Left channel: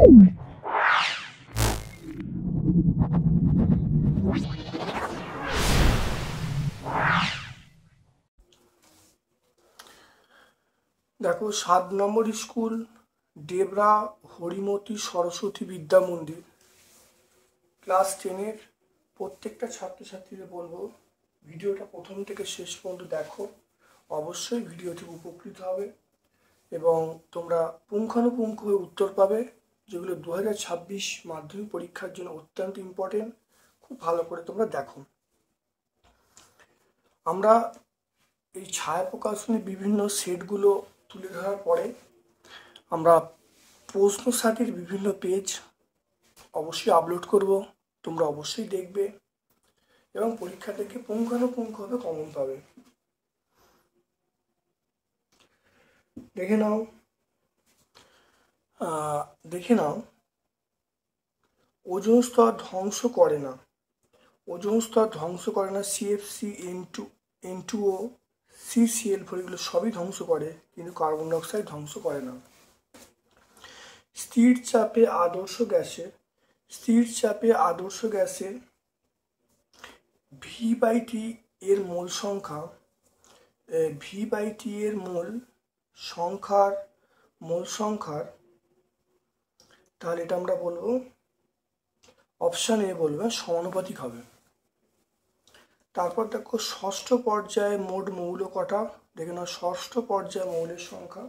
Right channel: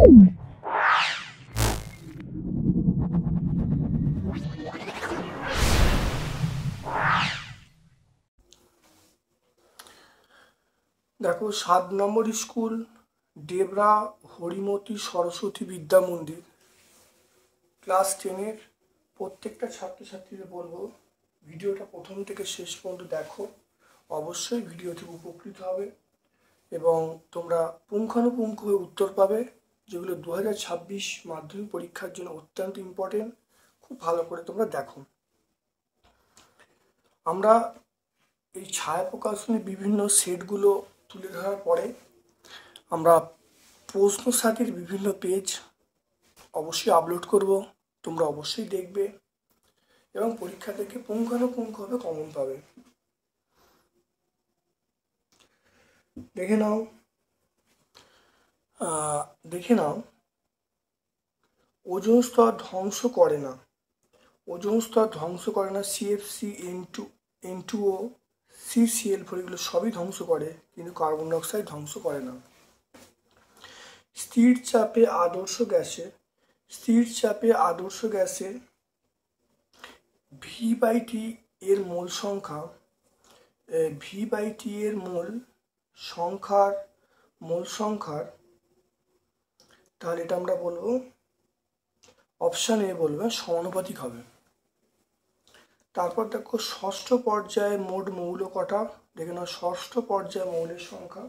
দেখো 7 নম্বর স্কুল ডেবরা হরিমতি সরস্বতী বিদ্যা মন্দির ক্লাস 10-এর প্রত্যেকটা ছাত্রছাত্রীদের বলবো ভিডিওটা প্রথম থেকে শেষ পর্যন্ত দেখো। অবশ্যই ভিডিওটি উপকৃত হবে এবং তোমরা পুঙ্খানুপুঙ্খভাবে উত্তর পাবে, যেগুলো 2026 মাধ্যমিক পরীক্ষার জন্য অত্যন্ত ইম্পর্টেন্ট। খুব ভালো করে তোমরা দেখো। আমরা এই ছায়া প্রকাশনের বিভিন্ন সেটগুলো তুলে ধরার পরে আমরা প্রশ্ন সাথের বিভিন্ন পেজ অবশ্যই আপলোড করব, তোমরা অবশ্যই দেখবে এবং পরীক্ষা থেকে পুঙ্খানুপুঙ্খভাবে কমন পাবে। দেখে নাও ওজোন স্তর ধ্বংস করে না। ওজোন স্তর ধ্বংস করে না CFC, N2O, CCl4 এগুলো সবই ধ্বংস করে, কিন্তু কার্বন ডাইঅক্সাইড ধ্বংস করে না। স্থির চাপে আদর্শ গ্যাসের V/T এর মোল সংখ্যা, V/T এর মোল সংখ্যার তাহলে এটা আমরা বলবো অপশন এ বলবে সমানুপাতিক হবে। তারপর দেখো ষষ্ঠ পর্যায়ে মোট মৌল কটা, দেখে নাও ষষ্ঠ পর্যায়ে মৌলের সংখ্যা।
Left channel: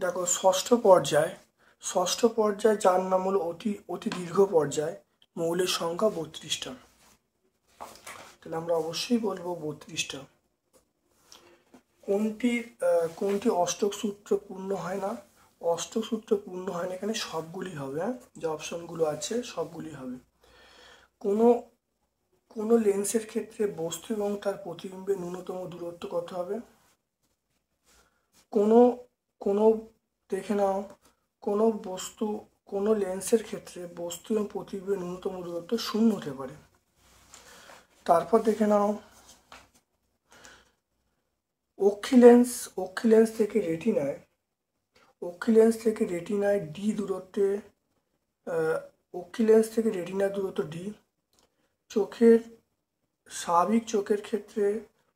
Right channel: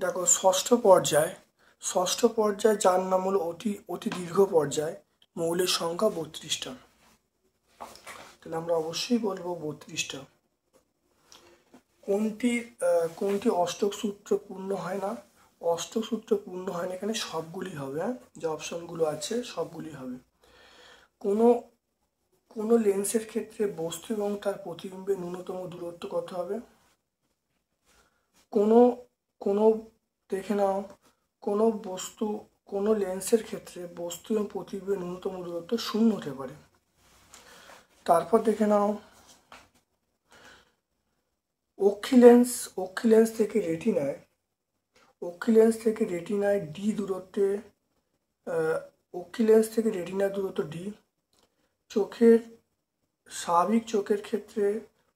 দেখো ষষ্ঠ পর্যায়ে যার নাম হলো অতি দীর্ঘ পর্যায়, মৌলের সংখ্যা 32টা। তাহলে আমরা অবশ্যই বলবো 32টা। কোনটি অষ্টক সূত্র পূর্ণ হয় না? অষ্টক সূত্র পূর্ণ হয় না, এখানে সবগুলি হবে, যে অপশনগুলো আছে সবগুলি হবে। কোনো লেন্সের ক্ষেত্রে বস্তু এবং তার প্রতিবিম্বের ন্যূনতম দূরত্ব কত হবে? দেখে নাও কোনো লেন্সের ক্ষেত্রে বস্তু এবং প্রতিবিম্বের ন্যূনতম দূরত্ব 0 হতে পারে। তারপর দেখে নাও অক্ষি লেন্স থেকে রেটিনায় ডি দূরত্বে, রেটিনার দূরত্ব ডি। স্বাভাবিক চোখের ক্ষেত্রে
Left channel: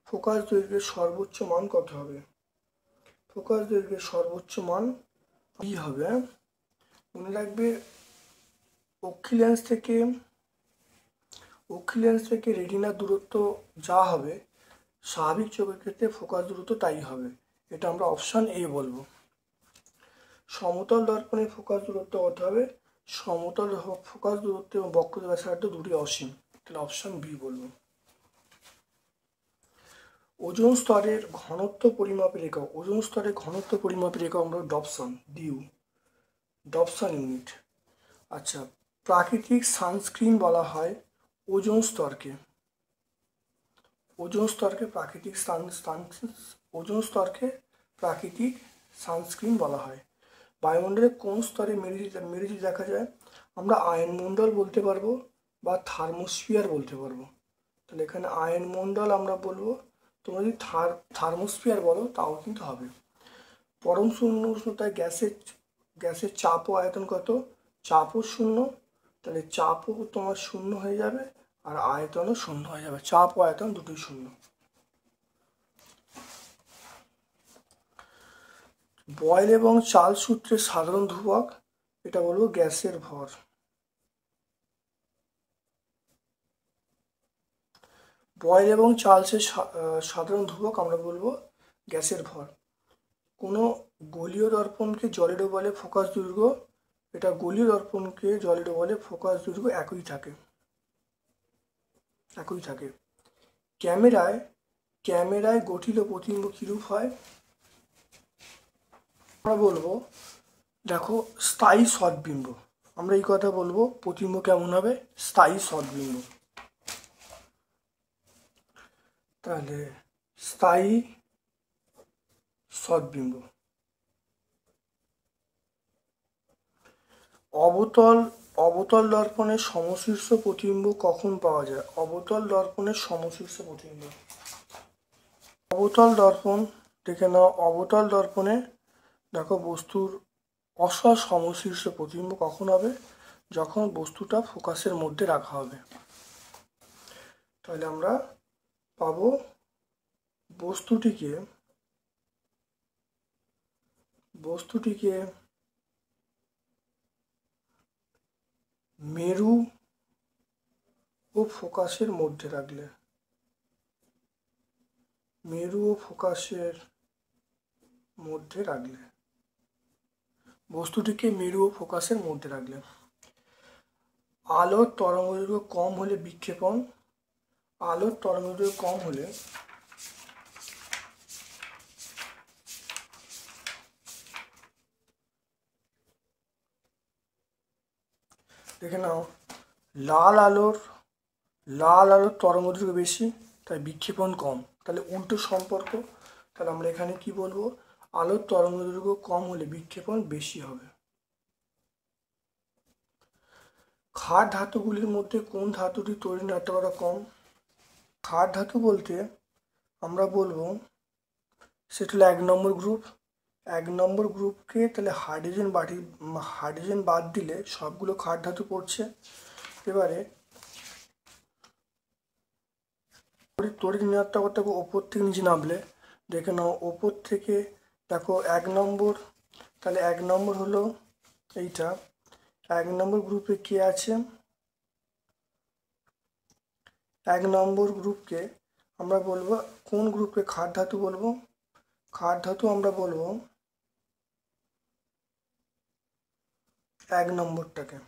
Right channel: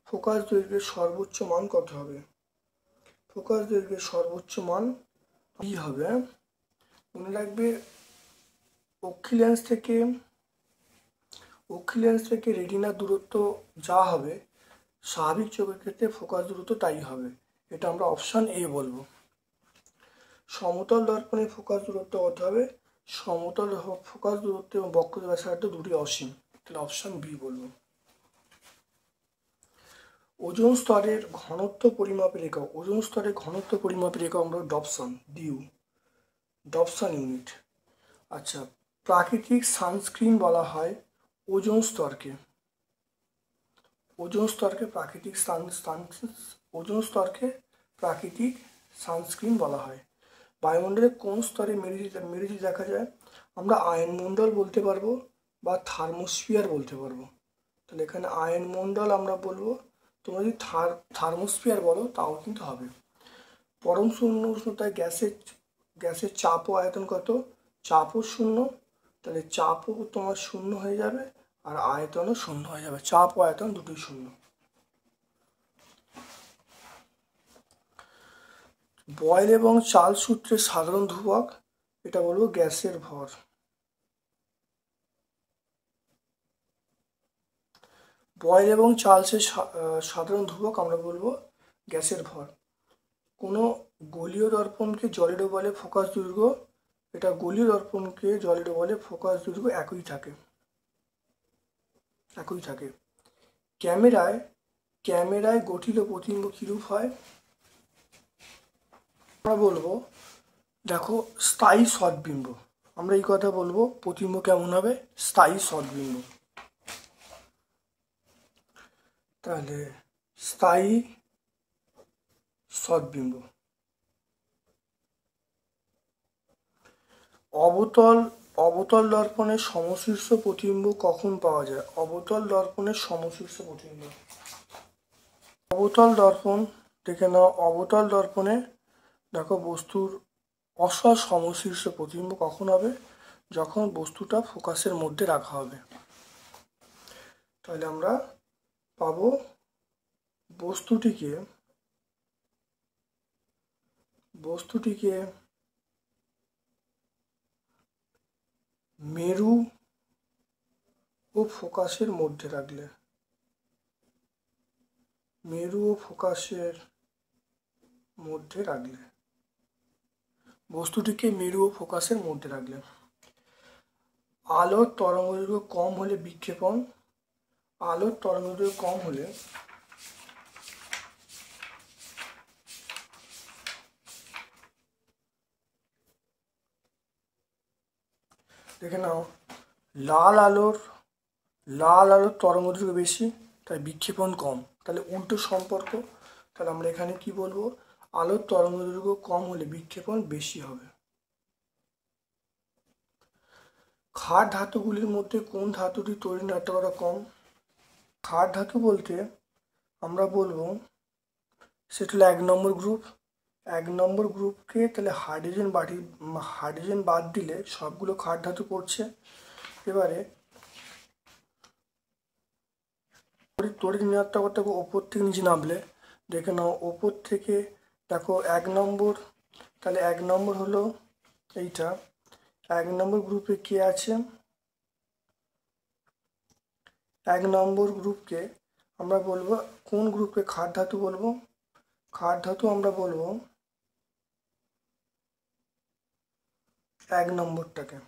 ফোকাস দৈর্ঘ্যের সর্বোচ্চ মান কত হবে? ফোকাস দৈর্ঘ্যের সর্বোচ্চ মান ডি হবে। মনে রাখবে অক্ষি লেন্স থেকে রেটিনার দূরত্ব যা হবে, স্বাভাবিক চোখের ক্ষেত্রে ফোকাস দূরত্ব তাই হবে। এটা আমরা অপশন এ বলবো। সমতল দর্পণের ফোকাস দূরত্ব কত হবে? সমতল ফোকাস দূরত্ব এবং বক্রতা ব্যাসার্ধ দুটি অসীম, তাহলে অপশন বি বলবো। ওজোন স্তরের ঘনত্ব পরিমাপের একক, আমরা ডপসন ইউনিট। আচ্ছা, প্রাকৃতিক সানস্ক্রিন বলা হয় ওজোন স্তরকে প্রাকৃতিক সানস্ক্রিন বলা হয়। বায়ুমণ্ডলে কোন স্তরে মেরুজি দেখা যায়? আমরা আয়নমণ্ডল বলতে পারবো বা থার্মোস্ফিয়ার বলতে পারবো। তাহলে এখানে আয়নমণ্ডল আমরা বলবো, তোমরা যদি থার্মোস্ফিয়ার বলো তাও কিন্তু হবে। পরম শূন্য উষ্ণতায় গ্যাসের চাপ ও আয়তন কত? চাপও 0, তাহলে চাপও তোমার 0 হয়ে যাবে আর আয়তনও 0 হয়ে যাবে, চাপ ও আয়তন দুটোই 0। বয়েল এবং চাল সূত্রের সাধারণ ধ্রুবক, এটা বলবো গ্যাসের ভর। বয়েল এবং চার্লসের সাধারণ ধ্রুবক আমরা বলবো গ্যাসের ভর। কোনো গোলীয় দর্পণকে জলে ডোবালে ফোকাস দৈর্ঘ্য, এটা গোলীয় দর্পণকে জলে ডোবালে ফোকাস দৈর্ঘ্য একই থাকে। ক্যামেরায় গঠিত প্রতিবিম্ব কিরূপ হয়? আমরা বলবো দেখো স্থায়ী সৎবিম্ব, আমরা এই কথা বলবো প্রতিবিম্ব কেমন হবে? স্থায়ী সৎবিম্ব। তাহলে স্থায়ী সৎবিম্ব। অবতল দর্পণের সমশীর্ষ প্রতিবিম্ব কখন পাওয়া যায়? অবতল দর্পণের সমশীর্ষ প্রতিবিম্ব, অবতল দর্পণ দেখে নাও, অবতল দর্পণে দেখো বস্তুর অসৎ সমশীর্ষ প্রতিবিম্ব কখন হবে? যখন বস্তুটা ফোকাসের মধ্যে রাখা হবে। তাহলে আমরা পাবো বস্তুটিকে মেরু ও ফোকাসের মধ্যে রাখলে, বস্তুটিকে মেরু ও ফোকাসের মধ্যে রাখলে আলোর তরঙ্গদৈর্ঘ্য কম হলে বিক্ষেপণ, দেখে নাও, লাল আলোর তরঙ্গদৈর্ঘ্য বেশি, তাই বিক্ষেপণ কম। তাহলে উল্টো সম্পর্ক। তাহলে আমরা এখানে কি বলবো? আলোর তরঙ্গদৈর্ঘ্য কম হলে বিক্ষেপণ বেশি হবে। ক্ষার ধাতুগুলির মধ্যে কোন ধাতুটি তড়িৎ নাটকতা কম? ক্ষার ধাতু বলতে আমরা বলবো সেটা হলো 1 নম্বর গ্রুপ। 1 নম্বর গ্রুপকে তাহলে হাইড্রোজেন বাদ দিলে সবগুলো ক্ষার ধাতু পড়ছে। এবারে তড়িৎ ঋণাত্মকতা ওপর থেকে নিচে নামলে দেখে নাও, ওপর থেকে দেখো 1 নম্বর, তাহলে 1 নম্বর হলো এইটা। 1 নম্বর গ্রুপে কে আছে? 1 নম্বর গ্রুপকে আমরা বলবো, কোন গ্রুপকে ক্ষার ধাতু বলবো? ক্ষার ধাতু আমরা বলবো 1 নম্বরটাকে।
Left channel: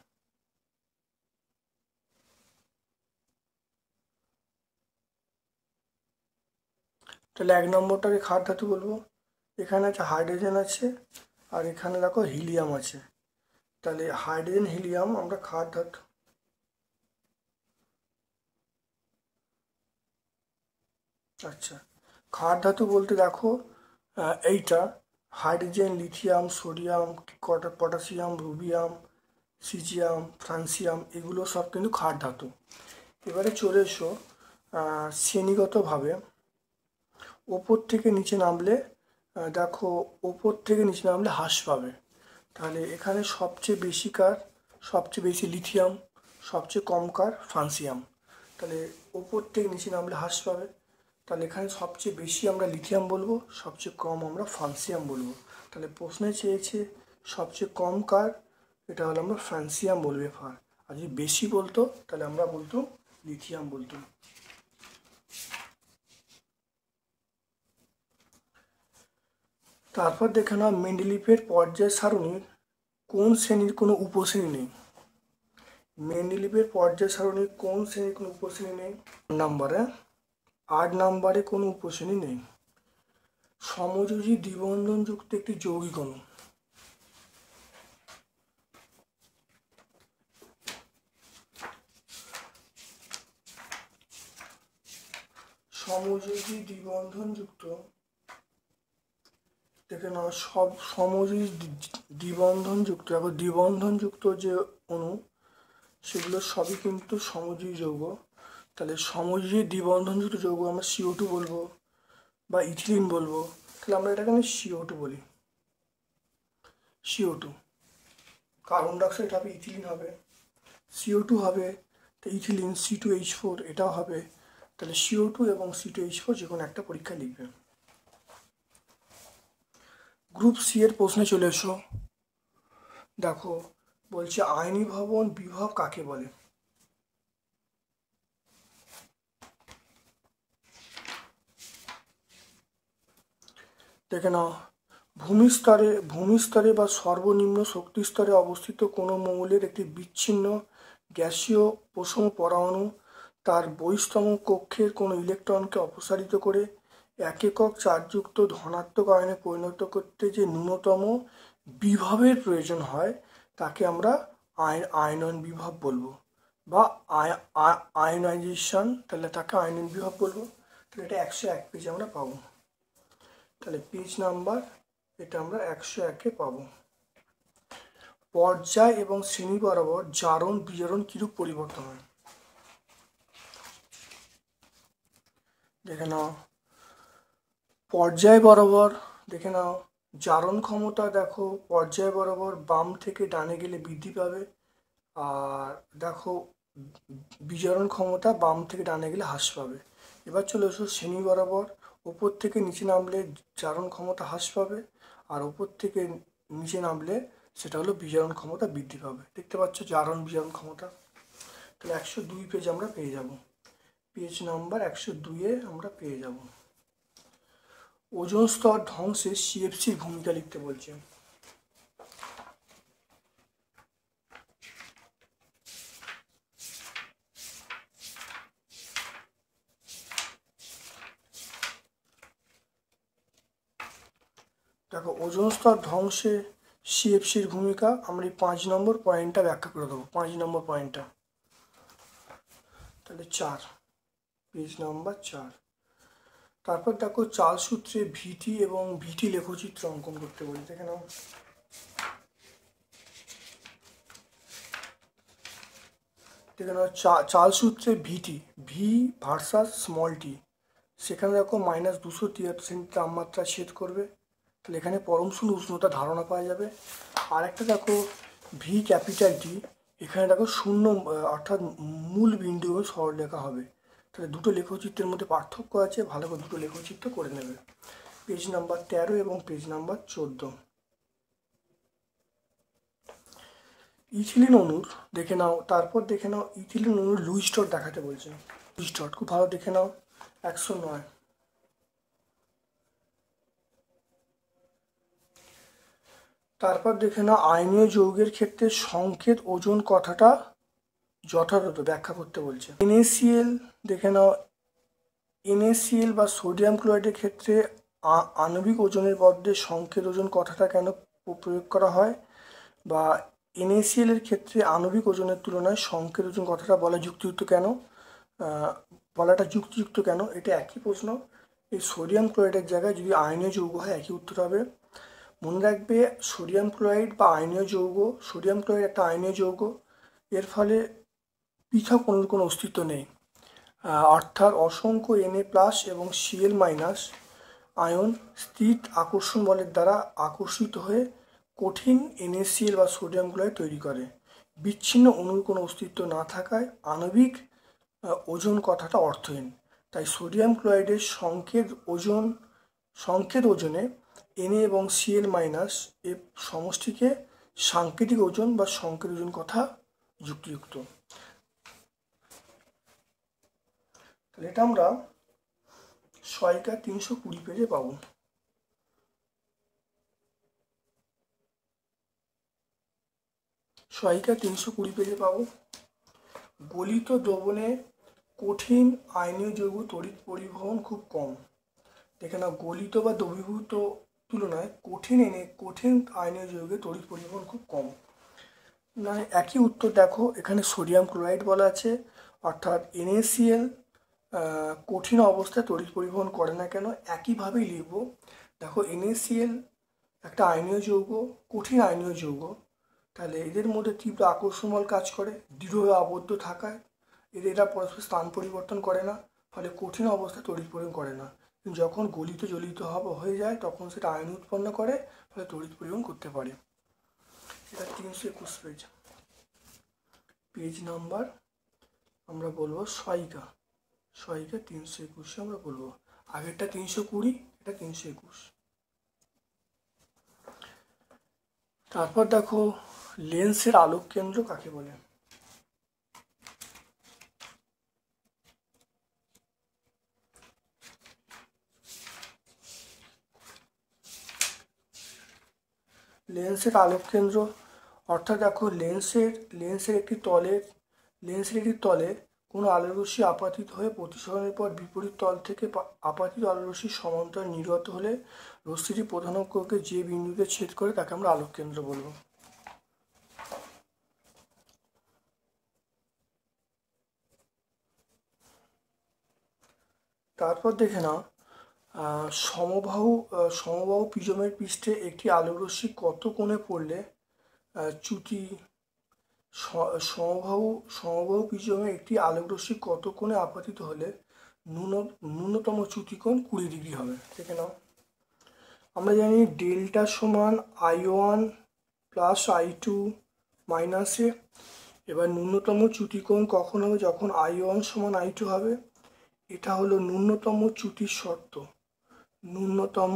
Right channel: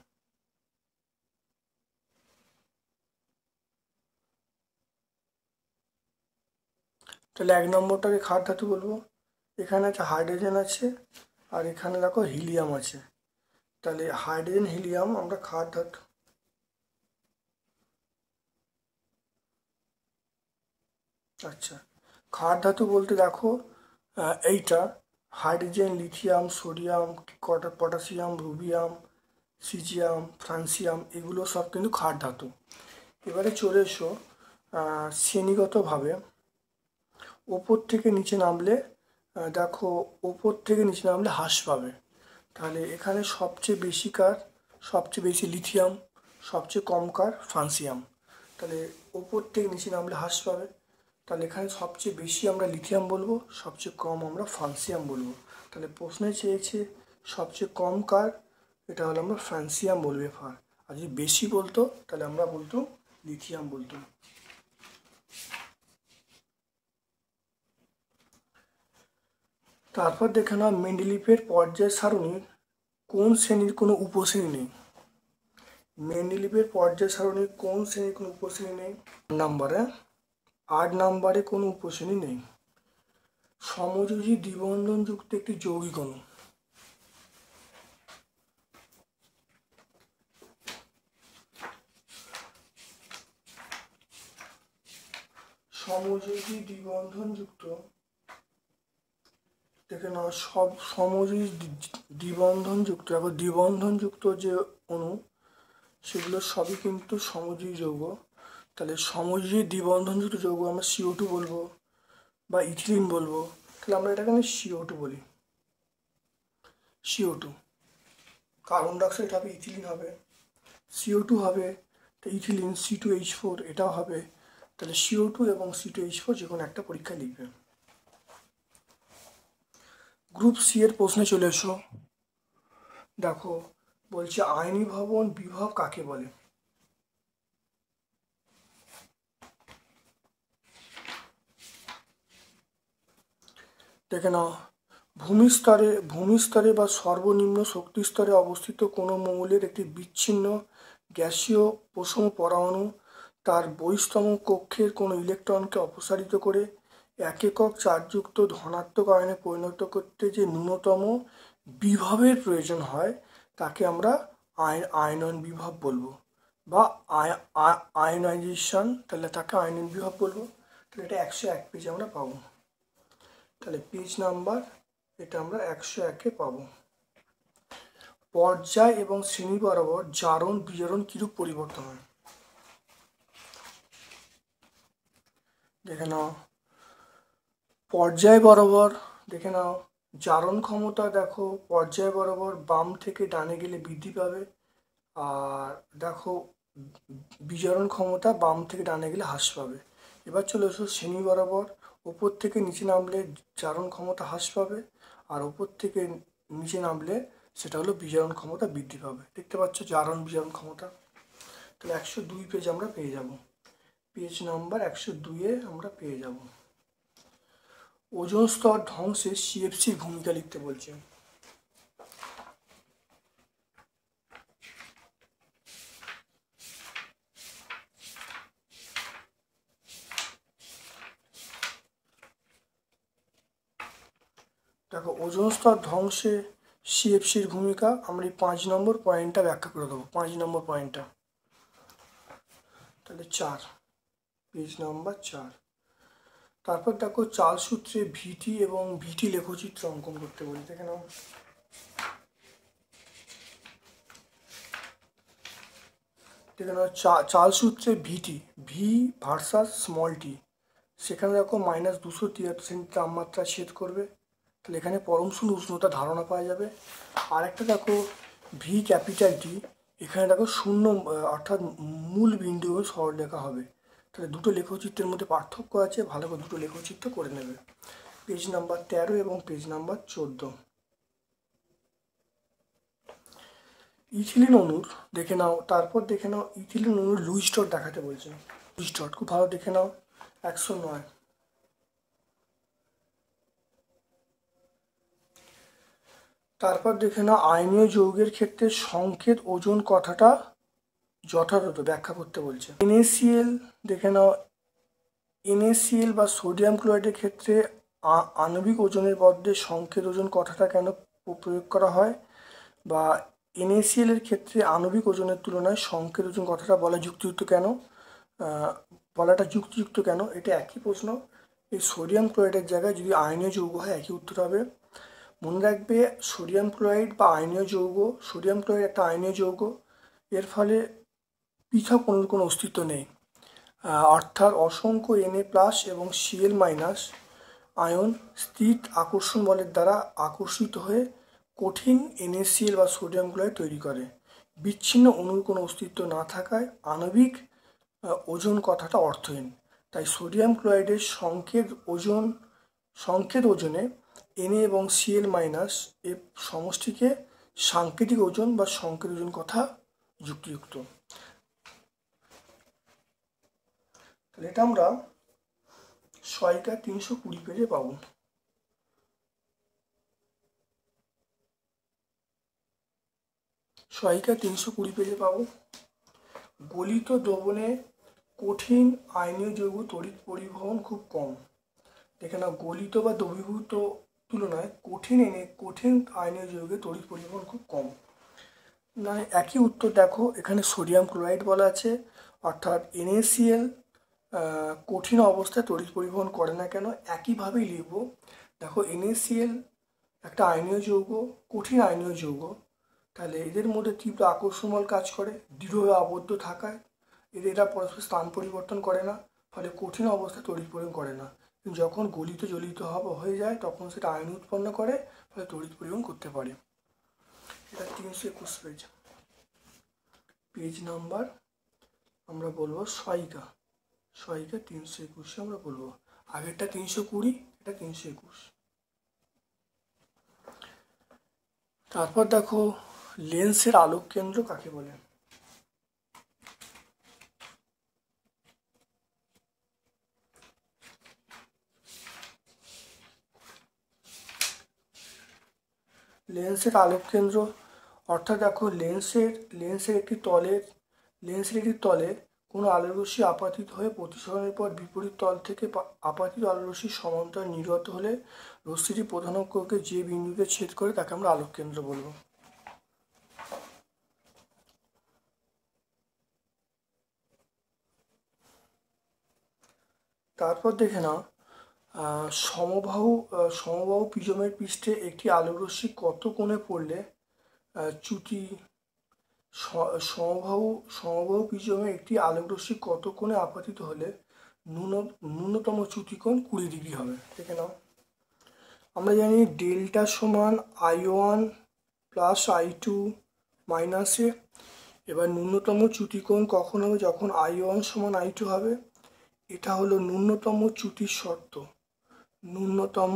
তাহলে 1 নম্বরটাকে ক্ষার ধাতু বলবো। এখানে আছে হাইড্রোজেন আছে, আর এখানে দেখো হিলিয়াম আছে। তাহলে হাইড্রোজেন হিলিয়াম আমরা ক্ষার ধাতু। আচ্ছা, ক্ষার ধাতু বলতে দেখো এইটা hydrogen, lithium, sodium, potassium, rubidium, caesium, francium, এগুলো সব কিন্তু ক্ষার ধাতু। এবারে চলে এসো শ্রেণীগতভাবে ওপর থেকে নিচে নামলে, দেখো ওপর থেকে নিচে নামলে হ্রাস পাবে। তাহলে এখানে সবচেয়ে বেশি লিথিয়াম, সবচেয়ে কম কার ফ্রান্সিয়াম। তাহলে ওপর থেকে নিচে নামলে হ্রাস পাবে। তাহলে এখানে সবচেয়ে বেশি আমরা লিথিয়াম বলবো, সবচেয়ে কম আমরা ফ্রান্সিয়াম বলবো। তাহলে প্রশ্নে চেয়েছে সবচেয়ে কম কার, এটা হলো আমরা ফ্রান্সিয়াম বলবো এফার। আর যদি বেশি বলতো তাহলে আমরা বলতো লিথিয়াম বলতো। তারপর দেখে নাও, মেন্ডেলিভের পর্যায় সারণীর কোন শ্রেণীর কোনো উপশ্রেণী নেই? মেন্ডেলিভের পর্যায় সারণীর কোন শ্রেণীর কোনো উপশ্রেণী নেই? 8 নম্বরে কোনো উপশ্রেণী নেই। সমযোজী দ্বিবন্ধনযুক্ত একটি যৌগিক অণু। সমযোজী দ্বিবন্ধনযুক্ত, দেখে নাও, সব সমযোজী দ্বিবন্ধনযুক্ত, এখন দ্বিবন্ধনযুক্ত যে অণু সেগুলো সবই কিন্তু সমযোজী যৌগ। তাহলে সমযোজী দ্বিবন্ধনযুক্ত যৌগ আমরা CO2 বলবো বা ইথিলিন বলবো। তাহলে আমরা এটাকে CO2 বলি। CO2, কার্বন ডাইঅক্সাইড হবে, ইথিলিন হবে, CO2 হবে, তো ইথিলিন C2H4 এটাও হবে। তাহলে CO2 এবং C2H4 যে কোনো একটা পরীক্ষা লিখবে। গ্রুপ সি এর প্রশ্নে চলে এসো। দেখো বলছে আয়নি ভবন বিভব কাকে বলে? দেখে নাও, ভূমিস্তরে বা সর্বনিম্ন শক্তি স্তরে অবস্থিত কোনো মৌলের একটি বিচ্ছিন্ন গ্যাসীয় প্রথম পরমাণু তার বহিস্তম কক্ষের কোনো ইলেকট্রনকে অপসারিত করে এক একক চার্জযুক্ত ধনাত্মক আয়নে পরিণত করতে যে ন্যূনতম বিভবের প্রয়োজন হয় তাকে আমরা আয়নন বিভব বলবো বা আয়নাইজেশন। তাহলে তাকে আয়নন বিভব বলবো। তাহলে এটা 101 পেজে আমরা পাবো। তাহলে পেজ নাম্বার এটা আমরা 101-এ পাবো। পর্যায় এবং শ্রেণী বরাবর জারণ বিজারণ কিরূপ পরিবর্তন হয়? দেখে নাও, পর্যায় বরাবর দেখে নাও জারণ ক্ষমতা দেখো পর্যায় বরাবর বাম থেকে ডানে গেলে বৃদ্ধি পাবে, আর দেখো বিজারণ ক্ষমতা বাম থেকে ডানে গেলে হ্রাস পাবে। এবার চলে এসো শ্রেণী বরাবর, ওপর থেকে নিচে নামলে জারণ ক্ষমতা হ্রাস পাবে, আর ওপর থেকে নিচে নামলে সেটা হলো বিজারণ ক্ষমতা বৃদ্ধি পাবে। দেখতে পাচ্ছ জারণ বিজারণ ক্ষমতা। তাহলে 102 পেজ আমরা পেয়ে যাব, পেজ নাম্বার 102-এ আমরা পেয়ে যাব। ওজোন স্তর ধ্বংসে সিএফসির ভূমিকা লিখতে বলছে। দেখো ওজোন স্তর ধ্বংসে সিএফসির ভূমিকা আমরা এই 5 নম্বর পয়েন্টটা ব্যাখ্যা করে দেবো। 5 নম্বর পয়েন্টটা তাহলে 4, পেজ নাম্বার 4। তারপর দেখো চাল সূত্রে ভিটি এবং ভিটি লেখচিত্র অঙ্কন করতে বলি। দেখে নাও, চাল সূত্রে ভিটি, ভি ভার্সাস স্মল টি, সেখানে দেখো -273 তাপমাত্রা ছেদ করবে, তাহলে এখানে পরম শূন্য উষ্ণতা ধারণা পাওয়া যাবে। আর একটা দেখো ভি ক্যাপিটাল টি, এখানে দেখো শূন্য অর্থাৎ মূল বিন্দু সরলরেখা হবে। তাহলে দুটো লেখচিত্রের মধ্যে পার্থক্য আছে, ভালো করে দুটো লেখচিত্র করে নেবে। পেজ নাম্বার 13 এবং পেজ নাম্বার 14। ইথিলিন অণুর দেখে নাও, তারপর দেখে নাও ইথিলিন অণুর লুইস ডট দেখাতে বলছে। লুইস ডট খুব ভালো দেখে নাও, 109। তারপর দেখে নাও আয়নীয় যৌগের ক্ষেত্রে সংকেত ওজন কথাটা যথাযথ ব্যাখ্যা করতে বলছে। NaCl দেখে নাও, NaCl বা সোডিয়াম ক্লোরাইডের ক্ষেত্রে আণবিক ওজনের বদলে সংকেত ওজন কথাটা কেন প্রয়োগ করা হয়, বা NaCl এর ক্ষেত্রে আণবিক ওজনের তুলনায় সংকেত ওজন কথাটা বলাটা যুক্তিযুক্ত কেন, এটা একই প্রশ্ন। এই সোডিয়াম ক্লোরাইডের জায়গায় যদি আয়নীয় যৌগ হয় একই উত্তর হবে। মনে রাখবে সোডিয়াম ক্লোরাইড বা আয়নীয় যৌগ, সোডিয়াম ক্লোরাইড একটা আয়নীয় যৌগ, এর ফলে পৃথক অণুর কোনো অস্তিত্ব নেই, অর্থাৎ অসংখ্য Na+ এবং Cl- আয়ন স্থির আকর্ষণ বলের দ্বারা আকর্ষিত হয়ে কঠিন NaCl বা সোডিয়াম ক্লোরাইড তৈরি করে। বিচ্ছিন্ন অণুর কোনো অস্তিত্ব না থাকায় আণবিক ওজন কথাটা অর্থহীন। তাই সোডিয়াম ক্লোরাইডের সংকেত ওজনে Na এবং Cl- এর সমষ্টিকে সাংকেতিক ওজন বা সংকেত ওজন কথা যুক্তিযুক্ত। এটা আমরা সহায়িকা 320 পেজে পাবো। সহায়িকা 320 পেজে পাবো। গলিত দ্রবণে কঠিন আয়নীয় যৌগ তড়িৎ পরিবহন খুব কম। দেখে না, গলিত বা দ্রবীভূত তুলনায় কঠিন আয়নীয় যৌগের তড়িৎ পরিবহন খুব কম। না, একই উত্তর দেখো, এখানে সোডিয়াম ক্লোরাইড বলা আছে, অর্থাৎ NaCl কঠিন অবস্থায় তড়িৎ পরিবহন করে না কেন, একইভাবেই লিখব। দেখো NaCl একটা আয়নীয় যৌগ, কঠিন আয়নীয় যৌগ, তাহলে এদের মধ্যে তীব্র আকর্ষণ বল কাজ করে, দৃঢ়ভাবে আবদ্ধ থাকায় এরা পরস্পর স্থান পরিবর্তন করে না, ফলে কঠিন অবস্থায় তড়িৎ পরিবহন করে না। যখন গলিত জ্বলিত হয়ে যায় তখন সেটা আয়ন উৎপন্ন করে, ফলে তড়িৎ পরিবহন করতে পারে। এটা 321 পেজ, পেজ নাম্বার আমরা বলবো সহায়িকা 321 আমরা বলবো। আগেরটা 320, এটা 321। তারপর দেখো লেন্সের আলোক কেন্দ্র কাকে বলে। লেন্সের আলোক কেন্দ্র অর্থাৎ দেখো লেন্সের একটি তলে কোনো আলোরশ্মি আপাতিত হয়ে প্রতিসরণের পর বিপরীত তল থেকে আপাতিত আলোরশ্মি সমান্তরালে নির্গত হলে রশ্মিটি প্রধান অক্ষকে যে বিন্দুতে ছেদ করে তাকে আমরা আলোক কেন্দ্র বলবো। তারপর দেখে নাও সমবাহু প্রিজমের পৃষ্ঠে একটি আলোরশ্মি কত কোণে পড়লে চ্যুতি সমবাহু প্রিজমে একটি আলোকরশ্মি কত কোণে আপতিত হলে ন্যূনতম চ্যুতিকোণ 20 ডিগ্রি হবে। দেখে নাও, আমরা জানি ডেল্টা সমান I1 প্লাস I2 মাইনাস এ। এবার ন্যূনতম চ্যুতিকোণ কখন হবে? যখন I1 সমান I2 হবে। এটা হলো ন্যূনতম চ্যুতির শর্ত, ন্যূনতম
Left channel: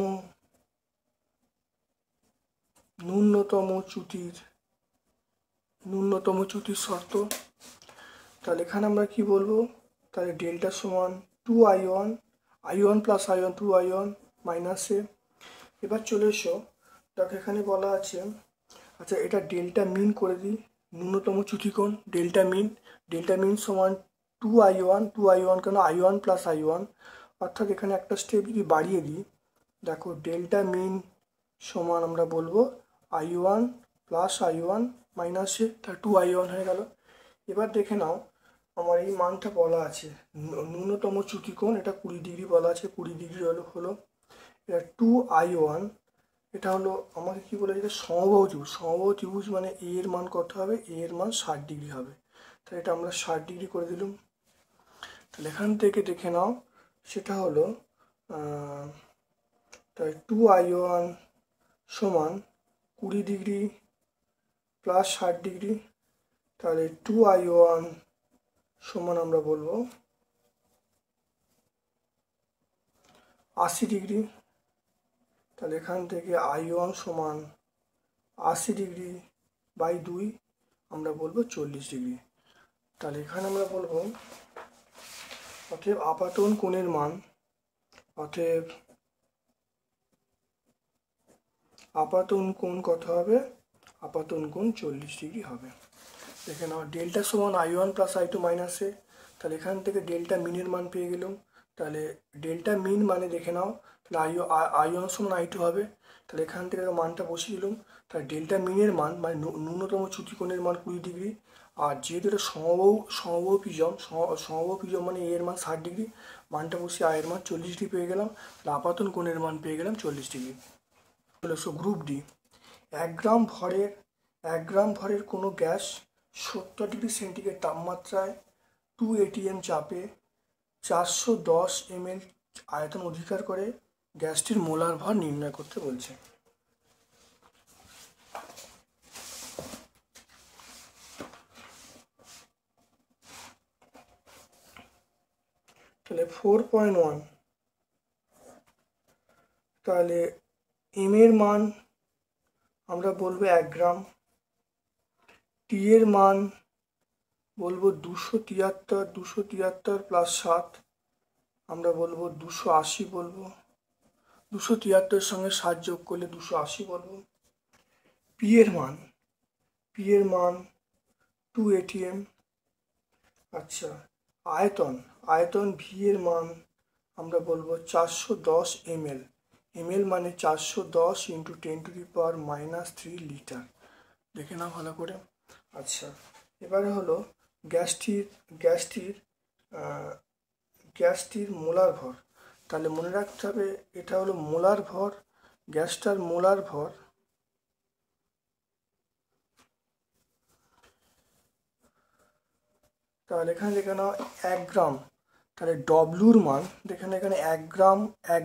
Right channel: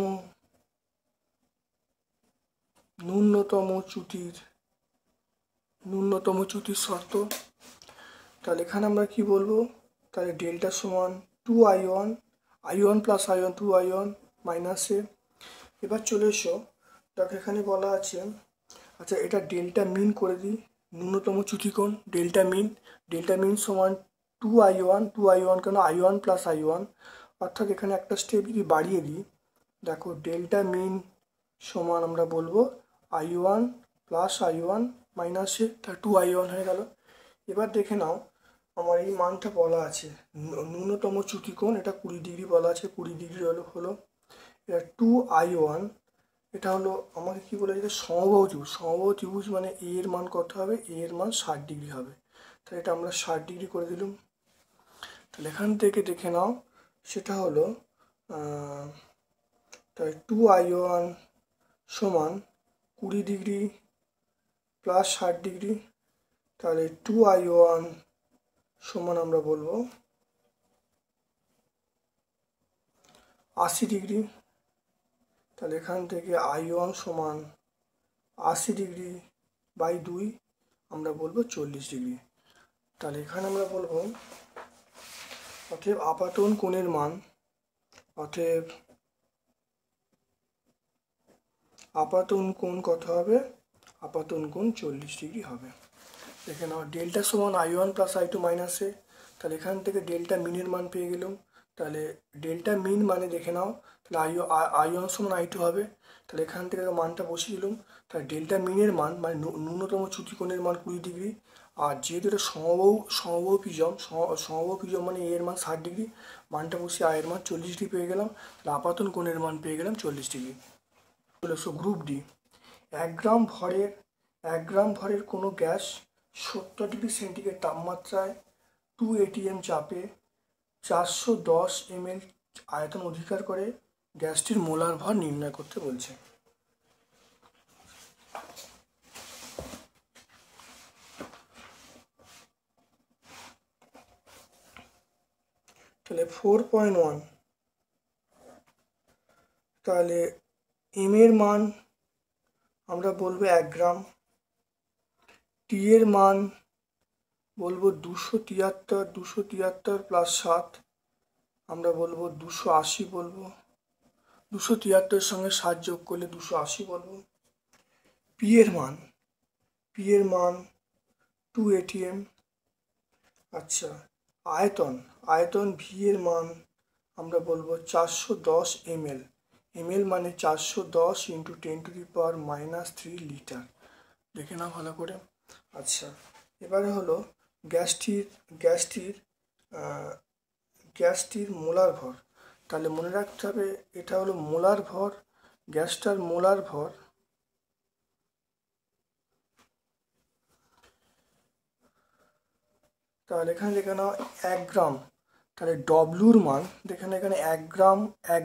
চ্যুতির শর্ত। তাহলে এখানে আমরা কি বলবো? তাহলে ডেল্টা সমান 2I1 plus I1 2I1 minus এ। এবার চলে এসো, তাহলে এখানে বলা আছে, আচ্ছা এটা ডেল্টা মিন করে দিই, ন্যূনতম চ্যুতিকোণ ডেল্টা মিন সমান 2I1 কেন I1 প্লাস I1, অর্থাৎ এখানে একটা স্টেপ যদি বাড়িয়ে দিই, দেখো ডেল্টা মিন সমান আমরা বলবো I1 প্লাস I1 মাইনাসে, তা 2I1 হয়ে গেল। এবার দেখে নাও আমার এই মানটা বলা আছে ন্যূনতম চ্যুতিকোণ, এটা 20 ডিগ্রি বলা আছে, 20 ডিগ্রি হলো এটা 2I1, এটা হলো আমাকে কি বলেছে? সমবাহু ত্রিভুজ মানে এ এর মান কত হবে? এ এর মান 60 ডিগ্রি হবে। তাহলে এটা আমরা 60 ডিগ্রি করে দিলাম। তাহলে এখান থেকে দেখে নাও, সেটা হলো তাই 2I1 সমান 20 ডিগ্রি প্লাস 60 ডিগ্রি, তাহলে 2I1 সমান আমরা বলবো 80 ডিগ্রি। তাহলে এখান থেকে I1 সমান 80 ডিগ্রি বাই 2 আমরা বলবো 40 ডিগ্রি। তাহলে এখানে আমরা বলবো অতএব আপাতন কোণের মান, অতএব আপাতন কোণ কত হবে? আপাতন কোণ 40 ডিগ্রি হবে। দেখে নাও ডেল্টা সমান I1 প্লাস I2 মাইনাসে, তাহলে এখান থেকে ডেল্টা মিনের মান পেয়ে গেলাম। তাহলে ডেল্টা মিন মানে দেখে নাও, তাহলে I1 সমান I2 হবে। তাহলে এখান থেকে মানটা বসিয়ে দিলাম। তাহলে ডেল্টা মিনের মান মানে ন্যূনতম চ্যুতিকোণের মান 20 ডিগ্রি, আর যেহেতু এটা সমবাহু প্রিজম মানে এর মান 60 ডিগ্রি, মানটা বসিয়ে আয়ের মান 40 ডিগ্রি পেয়ে গেলাম। তাহলে আপাতন কোণের মান পেয়ে গেলাম 40 ডিগ্রি। গ্রুপ ডি, 1 গ্রাম ভরের কোনো গ্যাস 70 ডিগ্রি সেন্টিগ্রেড তাপমাত্রায় 2 atm চাপে 410 ml আয়তন অধিকার করে, গ্যাসটির মোলার ভর নির্ণয় করতে বলছে। তাহলে 4.1, তাহলে এম এর মান আমরা বলবো 1 গ্রাম, টি এর মান বলবো 273 প্লাস 7 আমরা বলবো 280 বলবো, 273 সঙ্গে 7 যোগ করলে 280 বলবো। পি এর মান 2 atm। আচ্ছা আয়তন ভি এর মান আমরা বলবো 410 ml, ml মানে 410 ইন্টু 10⁻³ লিটার। দেখে নাও ভালো করে। আচ্ছা এবারে হলো গ্যাসটির মোলার ভর। তাহলে মনে রাখতে হবে এটা হলো মোলার ভর, গ্যাসটার মোলার ভর। তাহলে এখানে দেখে নাও 1 গ্রাম, তাহলে ডব্লুর মান দেখেন এখানে 1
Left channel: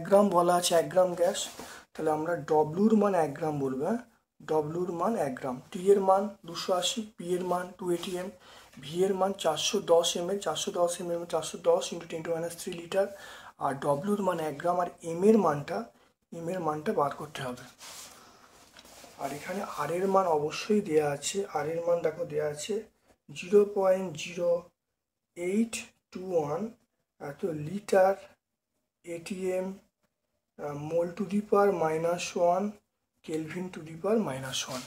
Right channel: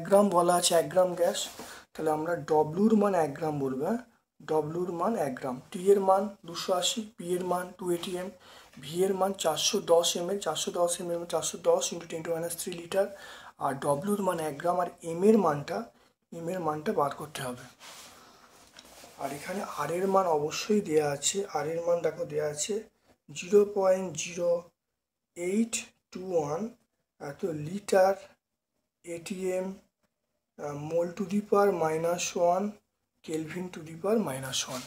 গ্রাম বলা আছে, 1 গ্রাম গ্যাস, তাহলে আমরা ডব্লুর মান 1 গ্রাম বলবো। হ্যাঁ, ডব্লুর মান 1 গ্রাম, টি এর মান 280, পি এর মান 2 atm, ভি এর মান 410 ml, 410 ইন্টু 10⁻³ লিটার, আর ডব্লুর মান 1 গ্রাম, আর এম এর মানটা বার করতে হবে। আর এখানে আর এর মান অবশ্যই দেয়া আছে, আর এর মান দেখো দেয়া আছে 0.0821 এত litre atm mole to the power -1 kelvin to the power -1।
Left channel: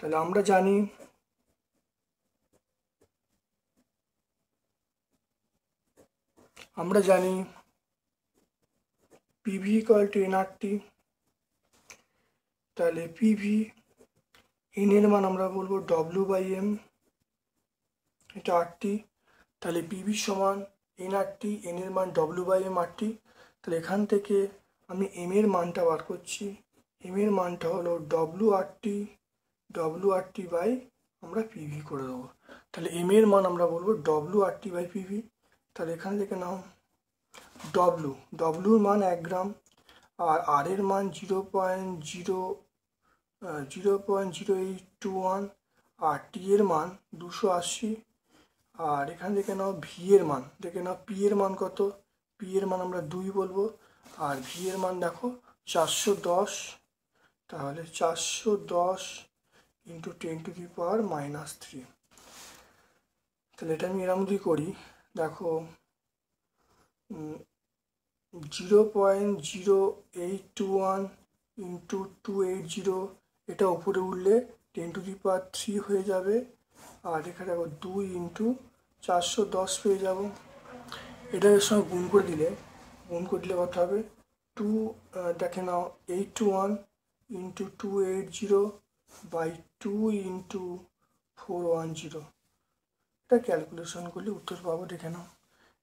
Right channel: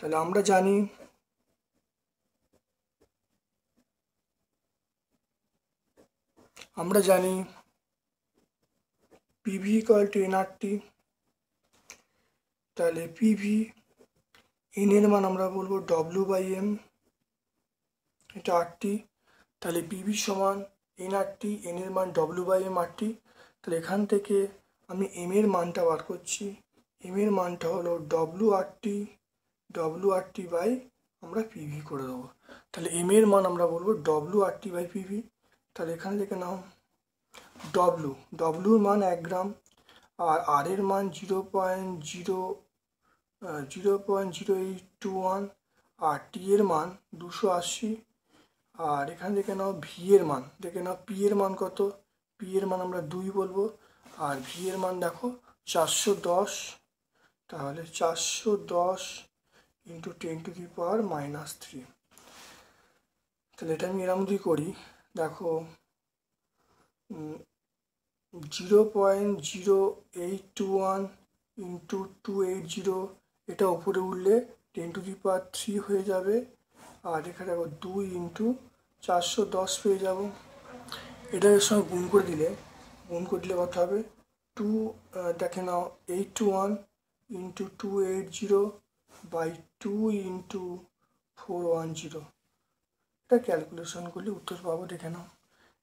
তাহলে আমরা জানি পিভি ইকুয়াল টু এনআরটি। তাহলে পিভি এন এর মান আমরা বলবো W/M, এটা আরটি। তাহলে পিভি সমান এনআরটি, এন এর মান W/M আরটি। তাহলে এখান থেকে আমি এম এর মানটা বার করছি, এম এর মানটা হলো WRT বাই আমরা পিভি করে দেবো। তাহলে এম এর মান আমরা বলবো WRT/PV। তাহলে এখানে দেখে নাও ডব্লুর মান 1 গ্রাম, আর আর এর মান 0.0821, আর টি এর মান 280, আর এখানে দেখে নাও ভি এর মান, দেখে নাও পি এর মান কত, পি এর মান আমরা 2 বলবো, আর ভি এর মান দেখো 410। তাহলে 410 ইন্টু 10⁻³ তাহলে এটা আমি এরকম যদি করি, দেখো 0.081 ইন্টু 280, এটা উপরে উঠলে 10⁻³ হয়ে যাবে, আর এখানে দেখো 2 ইন্টু 410 পেয়ে যাবো। এটা এর সঙ্গে গুণ করে দিলে কত হবে, 2 দেখে নাও 81 ইন্টু 280/2 ইন্টু 410। এটা ক্যালকুলেশন করলে উত্তর পাবো, দেখে নাও।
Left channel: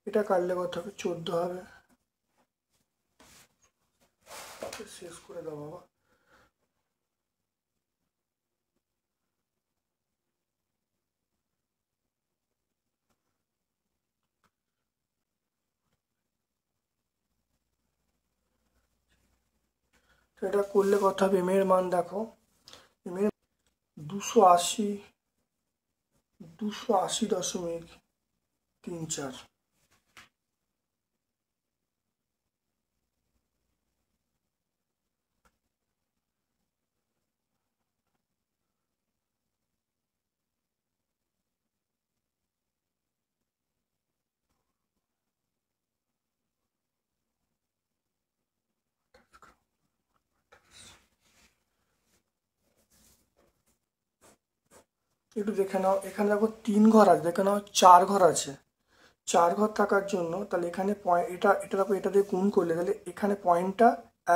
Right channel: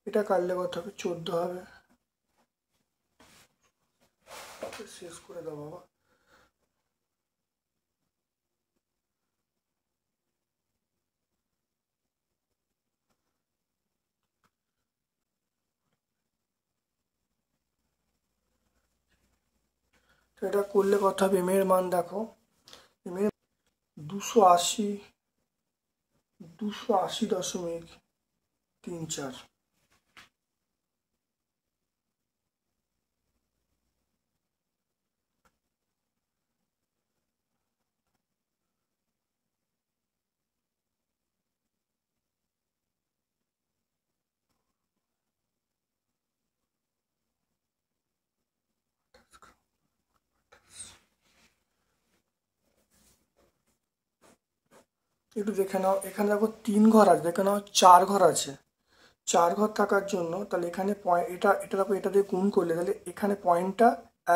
এটা কাটলে কত হবে, 14 হবে। শেষ করে দাও বাবা। তো এটা করলে কত হবে, এম এর মান দেখো, এম এর 280.34। একটু দেখে নাও, এখানে দেখো 3 ঘর আছে, দেখে নাও 4 ঘর আছে। 4 ঘর থাকার জন্য তাহলে এখানে এটা দেখো, এটা দিয়ে গুণ করলে তাহলে এখানে পয়েন্টটা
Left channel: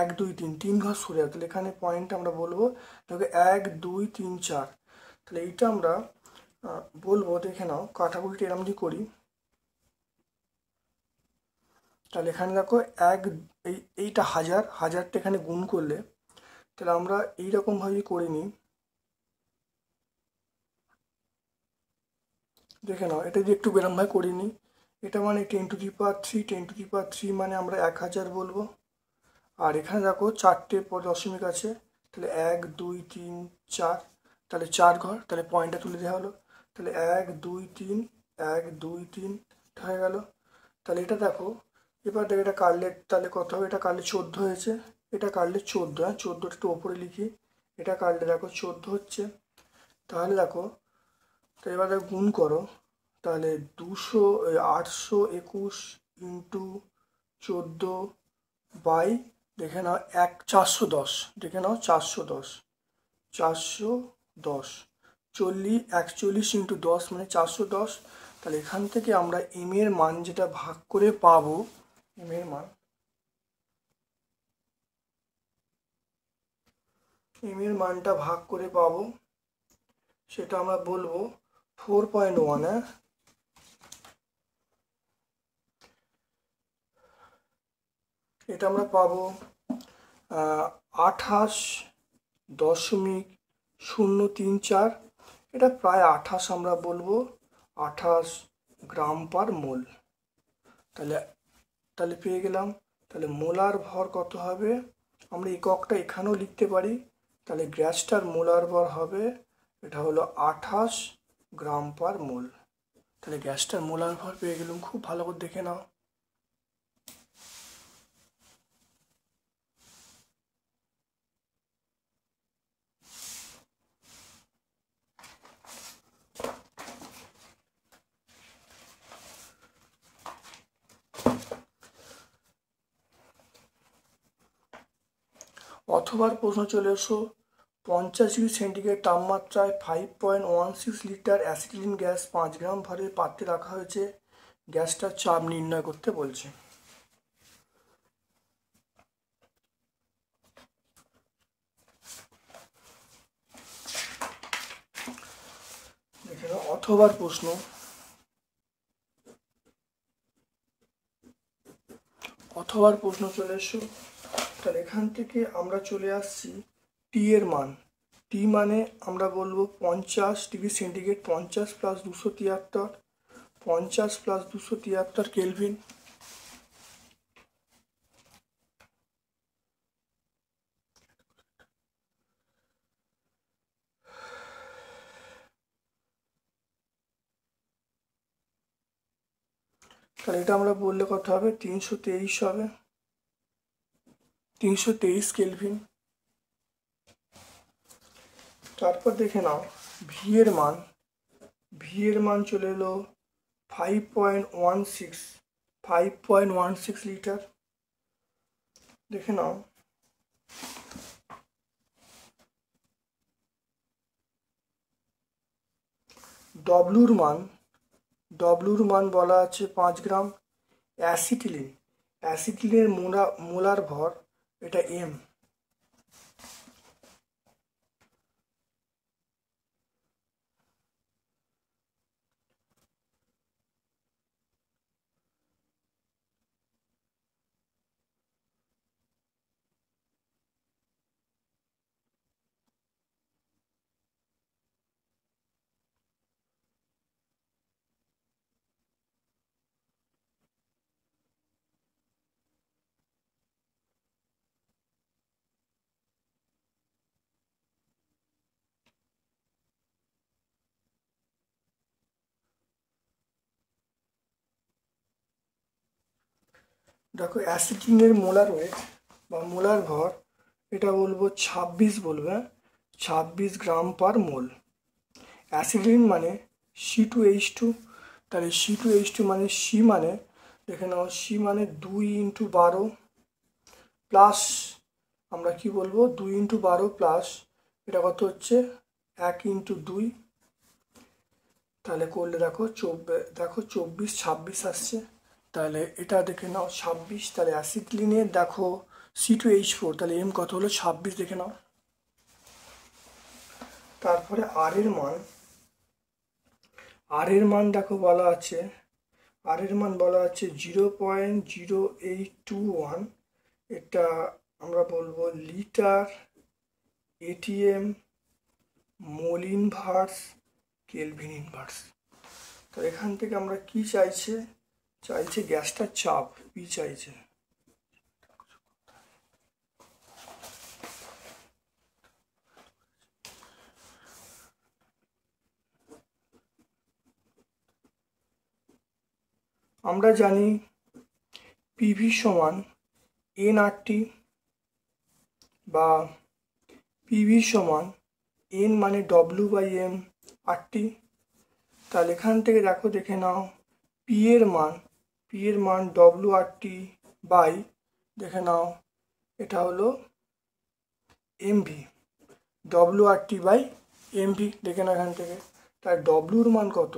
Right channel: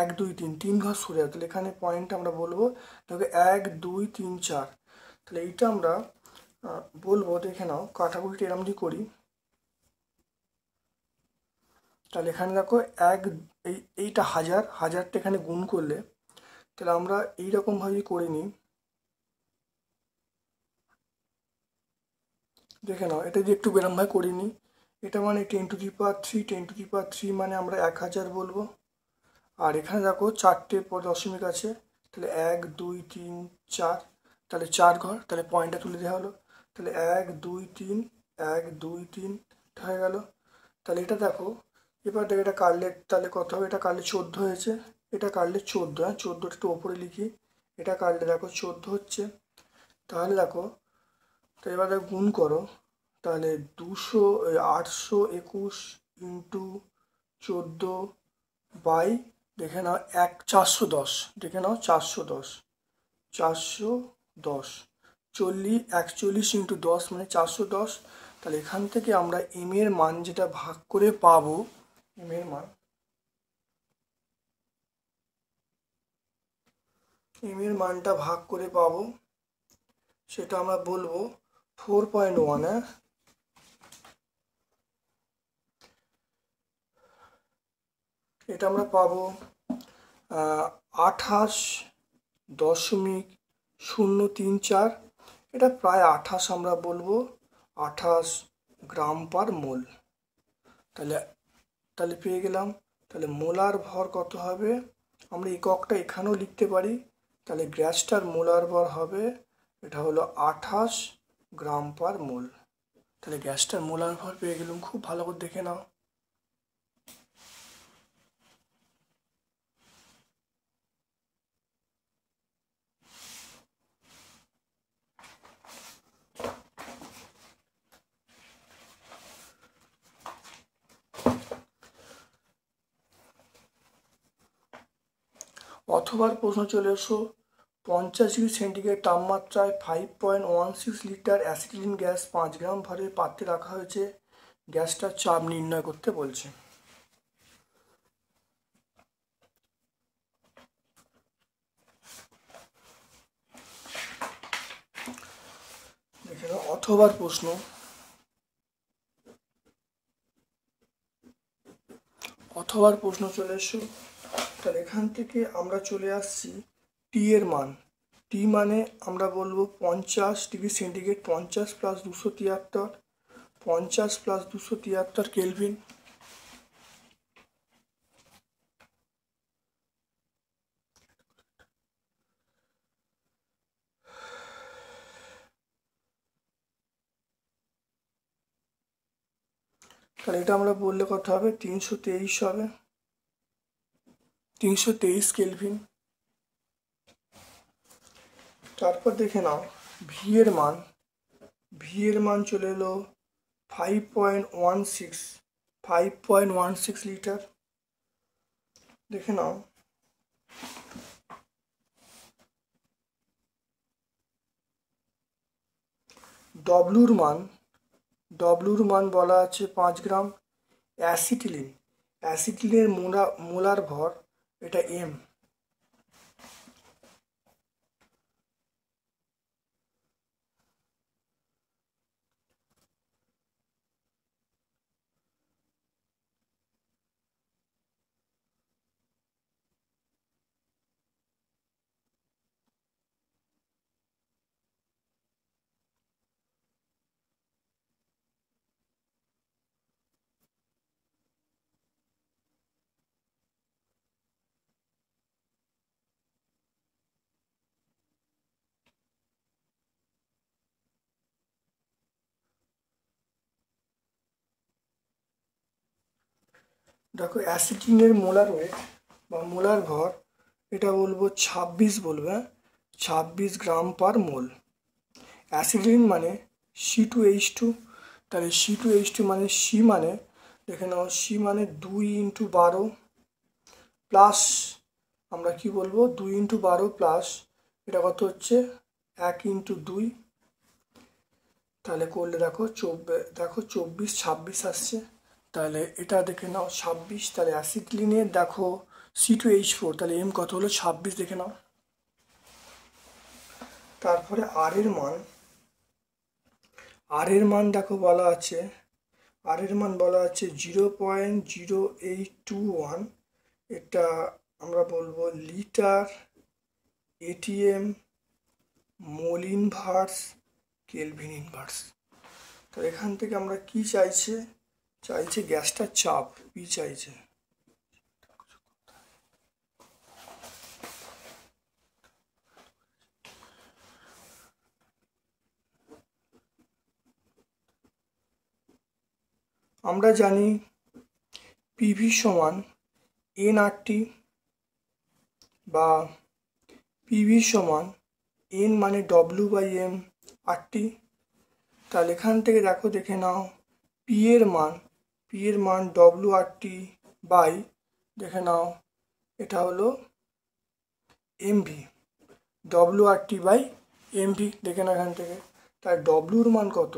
1 2 3, 3 ঘর সরে যাবে, তাহলে এখানে পয়েন্টটা আমরা বলবো দেখো 1 2 3 4। তাহলে এইটা আমরা বলবো, দেখে নাও কাটাকুটিটা এরকম যদি করি, তাহলে এখানে দেখো এইটা হাজারটা এখানে গুণ করলে, তাহলে আমরা এইরকমভাবে করে নিই, দেখে নাও এটা যদি একটু বেরমভাবে করে নিই, এটা মানে 10⁻³ মানে আমরা 1000 বলবো, আর এখানে দেখো 4টে দশমিক আছে, তাহলে 1 2 3 4, তাহলে 4 ঘর, তাহলে পয়েন্টটা তুলে দেওয়া হলো, তাহলে 1 2 3 1 2 3 হয়ে গেল। তাহলে এটা দেখো, এবার দেখো এটা কাটলে তাহলে কত হবে, এটা কাটলে 14 হয়েছে, এটা কাটলে 14, 14টা একটু ওপরে লিখি, এটা কাটলে দেখো 14 হচ্ছে। তাহলে দেখো, তো এবার দেখো গুণ করো, তাহলে 821 ইন্টু 14 বাই, দেখে নাও 410, দেখে নাও 410 41 ইন্টু 10 মানে 410। তাহলে এখান থেকে আমরা এম এর মান যেটা ভাগ করে পাবো, এম এর মানটা ভাগ করে পাবো, সেটা আমরা বলবো 4.1। এটা আমরা পাবো 28.034। এটা প্রায় 28, আমরা বলবো 28 গ্রাম পার মোল। তাহলে তাহলে পেয়ে গেলাম। তাহলে মোলার ভর কত হবে, আমরা এককটা এখানেও লিখতে পারি, তাহলে গ্যাসটার মোলার ভর হবে, এটা হলো 28 গ্রাম পার মোল। তাহলে গ্যাসটার মোলার ভর পেয়ে গেলাম, খুব ভালো করে দেখে নাও। অথবা প্রশ্ন চলে এসো, 50°C তাপমাত্রায় 5.16 লিটার অ্যাসিটিলিন গ্যাস 5 গ্রাম ভরের পাত্রে রাখা হয়েছে, গ্যাসটার চাপ নির্ণয় করতে বলছে। এখানে অথবার প্রশ্ন, চলে এসো। তাহলে এখান থেকে আমরা চলে আসছি টি এর মান, টি মানে আমরা বলবো 50°C, 50 + 273, 50 + 273 কেলভিন। তাহলে এটা আমরা বললে কত হবে, 323 হবে, 323 কেলভিন। তারপর দেখে নাও ভি এর মান, ভি এর মান চলে এলো 5.16 লিটার। দেখে নাও ডব্লুর মান বলা আছে 5 গ্রাম। অ্যাসিটিলিনের মোলার ভর এটা এম। দেখো অ্যাসিটিলিনের মোলার ওয়েট বা মোলার ভর এটা বলবো 26 বলবে, 26 গ্রাম পার মোল। অ্যাসিটিলিন মানে C2H2, তাহলে C2H2 মানে সি মানে দেখে নাও সি মানে 2 × 12 প্লাস আমরা কি বলবো 2 × 12 প্লাস এটা কত হচ্ছে 1 × 2, তাহলে করলে দেখো 24 26 আসছে। তাহলে এটা দেখে নাও 26, তাহলে অ্যাসিটিলিনের দেখো C2H4, তাহলে এম কত হলো 26 দেখে নাও। তারপরে আর এর মান দেখো বলা আছে, আর এর মান বলা আছে 0.0821, এটা আমরা বলবো litre atm mole inverse kelvin inverse. তো এখান থেকে আমরা কি চাইছে গ্যাসটার চাপ পি চাইছে। আমরা জানি পিভি সমান এনআরটি বা পিভি সমান এন মানে W/M RT। তাহলে এখান থেকে দেখে নাও পি এর মান WRT বাই দেখে নাও এটা হলো এমভি, WRT বাই এমভি দেখে নাও এখান থেকে। তাই ডব্লুর মান কত,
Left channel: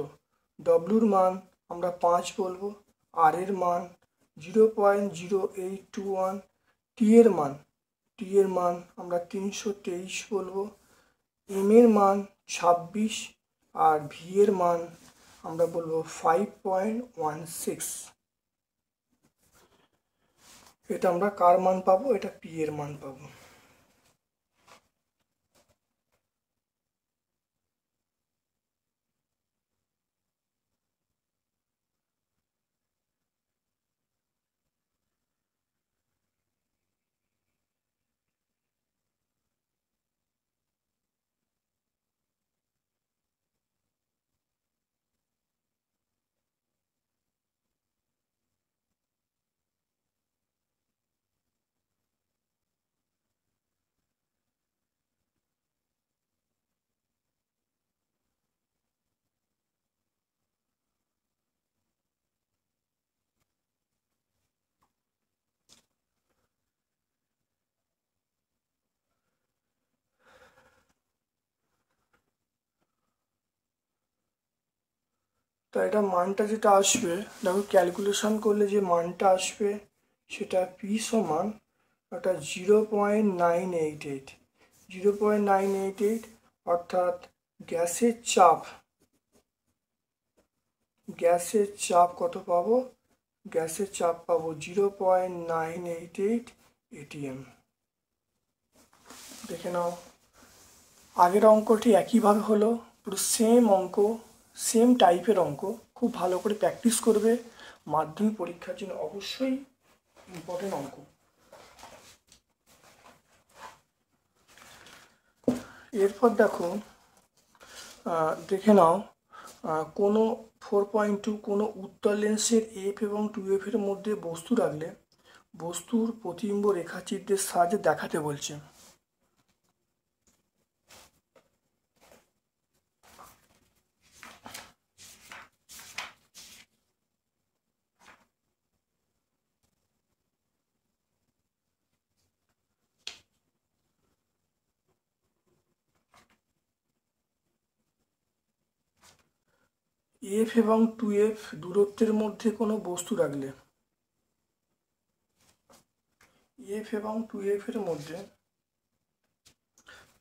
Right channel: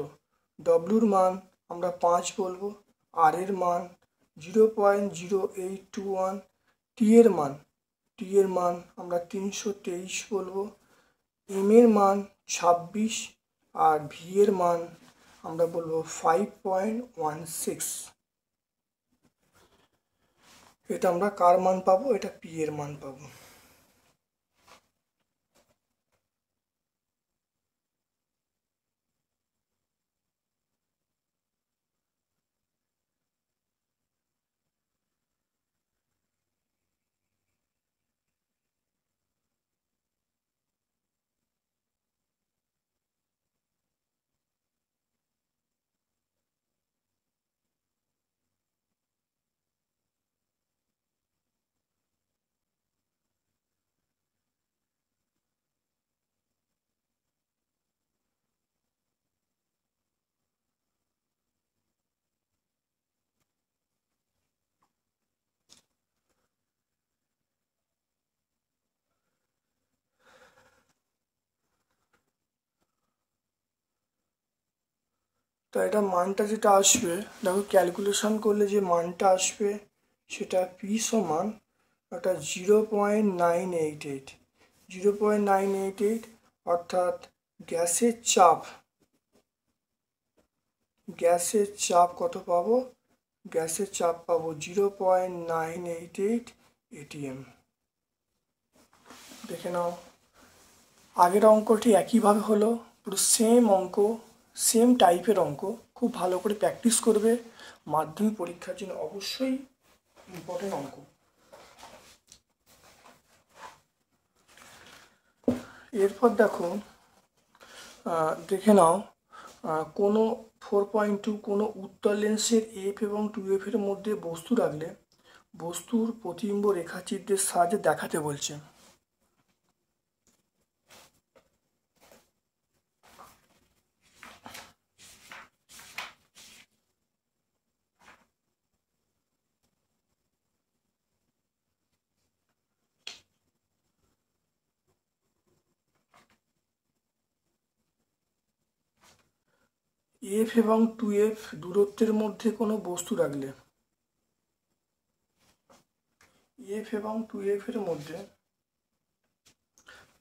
ডব্লুর মান আমরা 5 বলবো, আর এর মান 0.0821, টি এর মান আমরা 323 বলবো, এম এর মান 26 আর ভি এর মান আমরা বলবো 5.16। এটা আমরা কার মান পাবো, এটা পি এর মান পাবো। তো এটা মানটা যেটা আসবে দেখো ক্যালকুলেশন করলে যে মানটা আসবে সেটা পি সমান ওটা 0.988, অর্থাৎ গ্যাসের চাপ কত পাবো, গ্যাসের চাপ পাবো 0.988 ATM। দেখে নাও আগের অঙ্কটি একইভাবে হলো, পুরো সেম অঙ্ক, সেম টাইপের অঙ্ক। খুব ভালো করে প্র্যাকটিস করবে, মাধ্যমিক পরীক্ষার জন্য অবশ্যই ইম্পর্টেন্ট অঙ্ক। এরপর দেখো, দেখে নাও, কোনো 4.2 কোনো উত্তল লেন্সের এফ এবং 2F এর মধ্যে বস্তু রাখলে বস্তুর প্রতিবিম্ব রেখাচিত্রের সাহায্যে দেখাতে বলছে। এফ এবং 2F দূরত্বের মধ্যে কোনো বস্তু রাখলে, এফ এবং 2F এর মধ্যে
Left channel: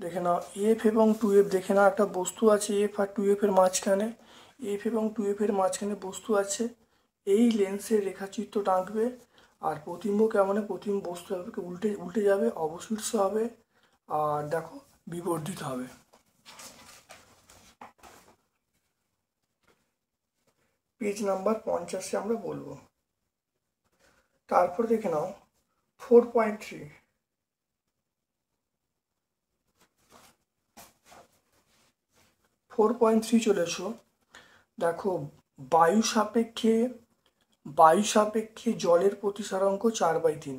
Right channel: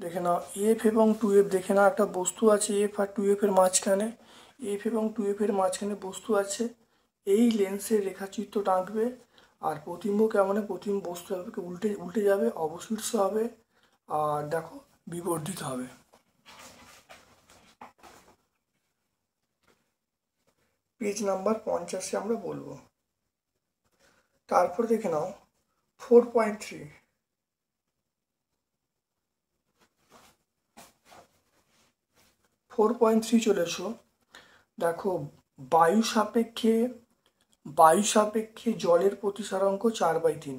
দেখে নাও, এফ এবং 2F দেখে নাও, একটা বস্তু আছে এফ আর 2F এর মাঝখানে, এফ এবং 2F এর মাঝখানে বস্তু আছে। এই লেন্সের রেখাচিত্রটা আঁকবে, আর প্রতিবিম্ব কেমন, প্রতিবিম্ব বস্তু উল্টে উল্টে যাবে, অবশীর্ষ হবে, আর দেখো বিবর্ধিত হবে। পেজ নাম্বার 50 আমরা বলবো। তারপর দেখে নাও 4.3, 4.3 চলে এসো। দেখো, বায়ু সাপেক্ষে জলের প্রতিসরাঙ্ক 4/3।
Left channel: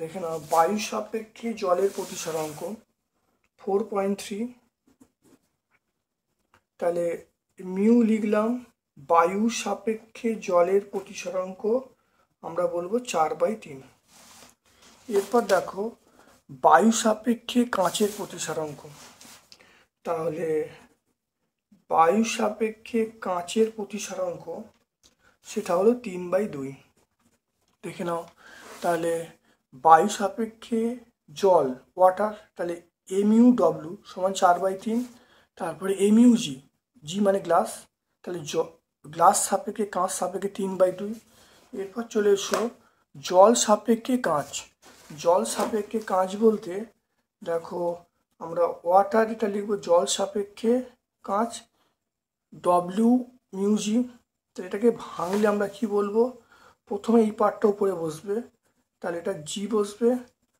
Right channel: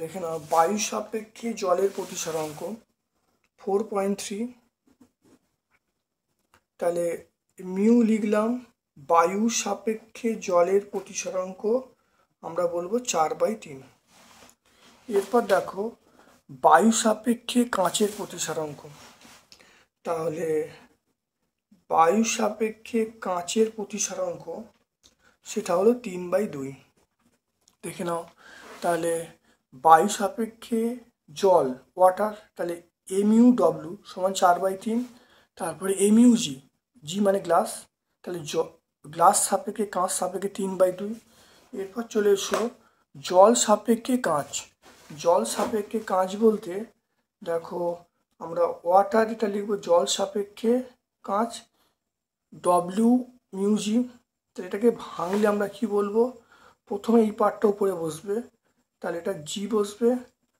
দেখে নাও, বায়ু সাপেক্ষে জলের প্রতিসরাঙ্ক 4.3, তাহলে মিউ লিখলাম, বায়ু সাপেক্ষে জলের প্রতিসরাঙ্ক আমরা বলবো 4/3। এরপর দেখো, বায়ু সাপেক্ষে কাঁচের প্রতিসরাঙ্ক, তাহলে বায়ু সাপেক্ষে কাঁচের প্রতিসরাঙ্ক সেটা হলো 3/2। দেখে নাও, তাহলে বায়ু সাপেক্ষে জল, ওয়াটার, তাহলে এমইউ ডব্লিউ সমান 4/3। তারপরে এমইউ জি, জি মানে গ্লাস, তাহলে গ্লাস সাপেক্ষে কাঁচ সাপেক্ষে 3/2। এরপর চলে এসো জল সাপেক্ষে কাঁচ। জল সাপেক্ষে কাঁচ বলতে দেখো, আমরা ওয়াটার এটা লিখবো জল সাপেক্ষে কাঁচ, ডব্লিউ মিউজি। তো এটাকে ভাঙলে আমরা কি বলবো, প্রথমে এই পার্টটা উপরে বসবে, তাহলে এটা জি বসবে,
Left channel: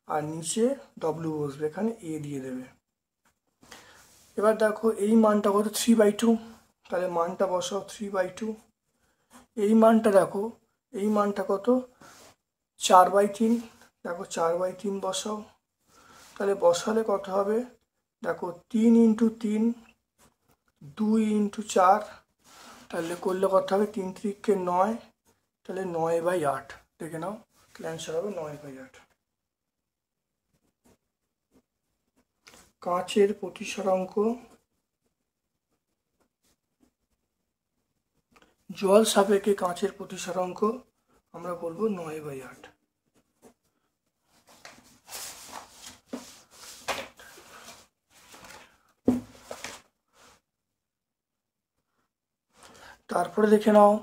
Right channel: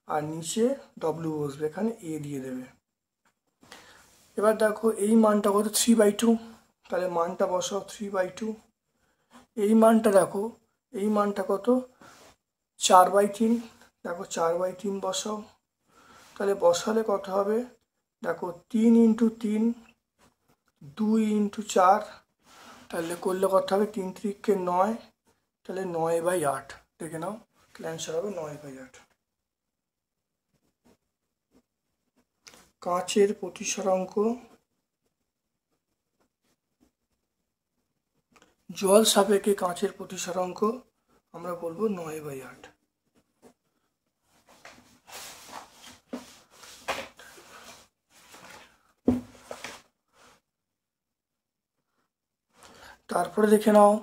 আর নিচে ডব্লিউ বসবে, এখানে এ দিয়ে দেবে। এবার দেখো এই মানটা কত, 3/2, তাহলে মানটা বসাও 3/2। এই মানটা দেখো, এই মানটা কত, 4/3, দেখো 4/3 বসাও, তাহলে বসালে কত হবে, দেখো 3 × 3, 2 × 4, তাহলে করলে কত হবে, 3 × 3 = 9, তাহলে 9/8। দেখে নাও, অ্যান্সার হবে 9/8। কাঁচের প্রতিসরাঙ্ক জল সাপেক্ষে কাঁচের প্রতিসরাঙ্ক আমরা বলবো 9/8। তারপরে দেখে নাও,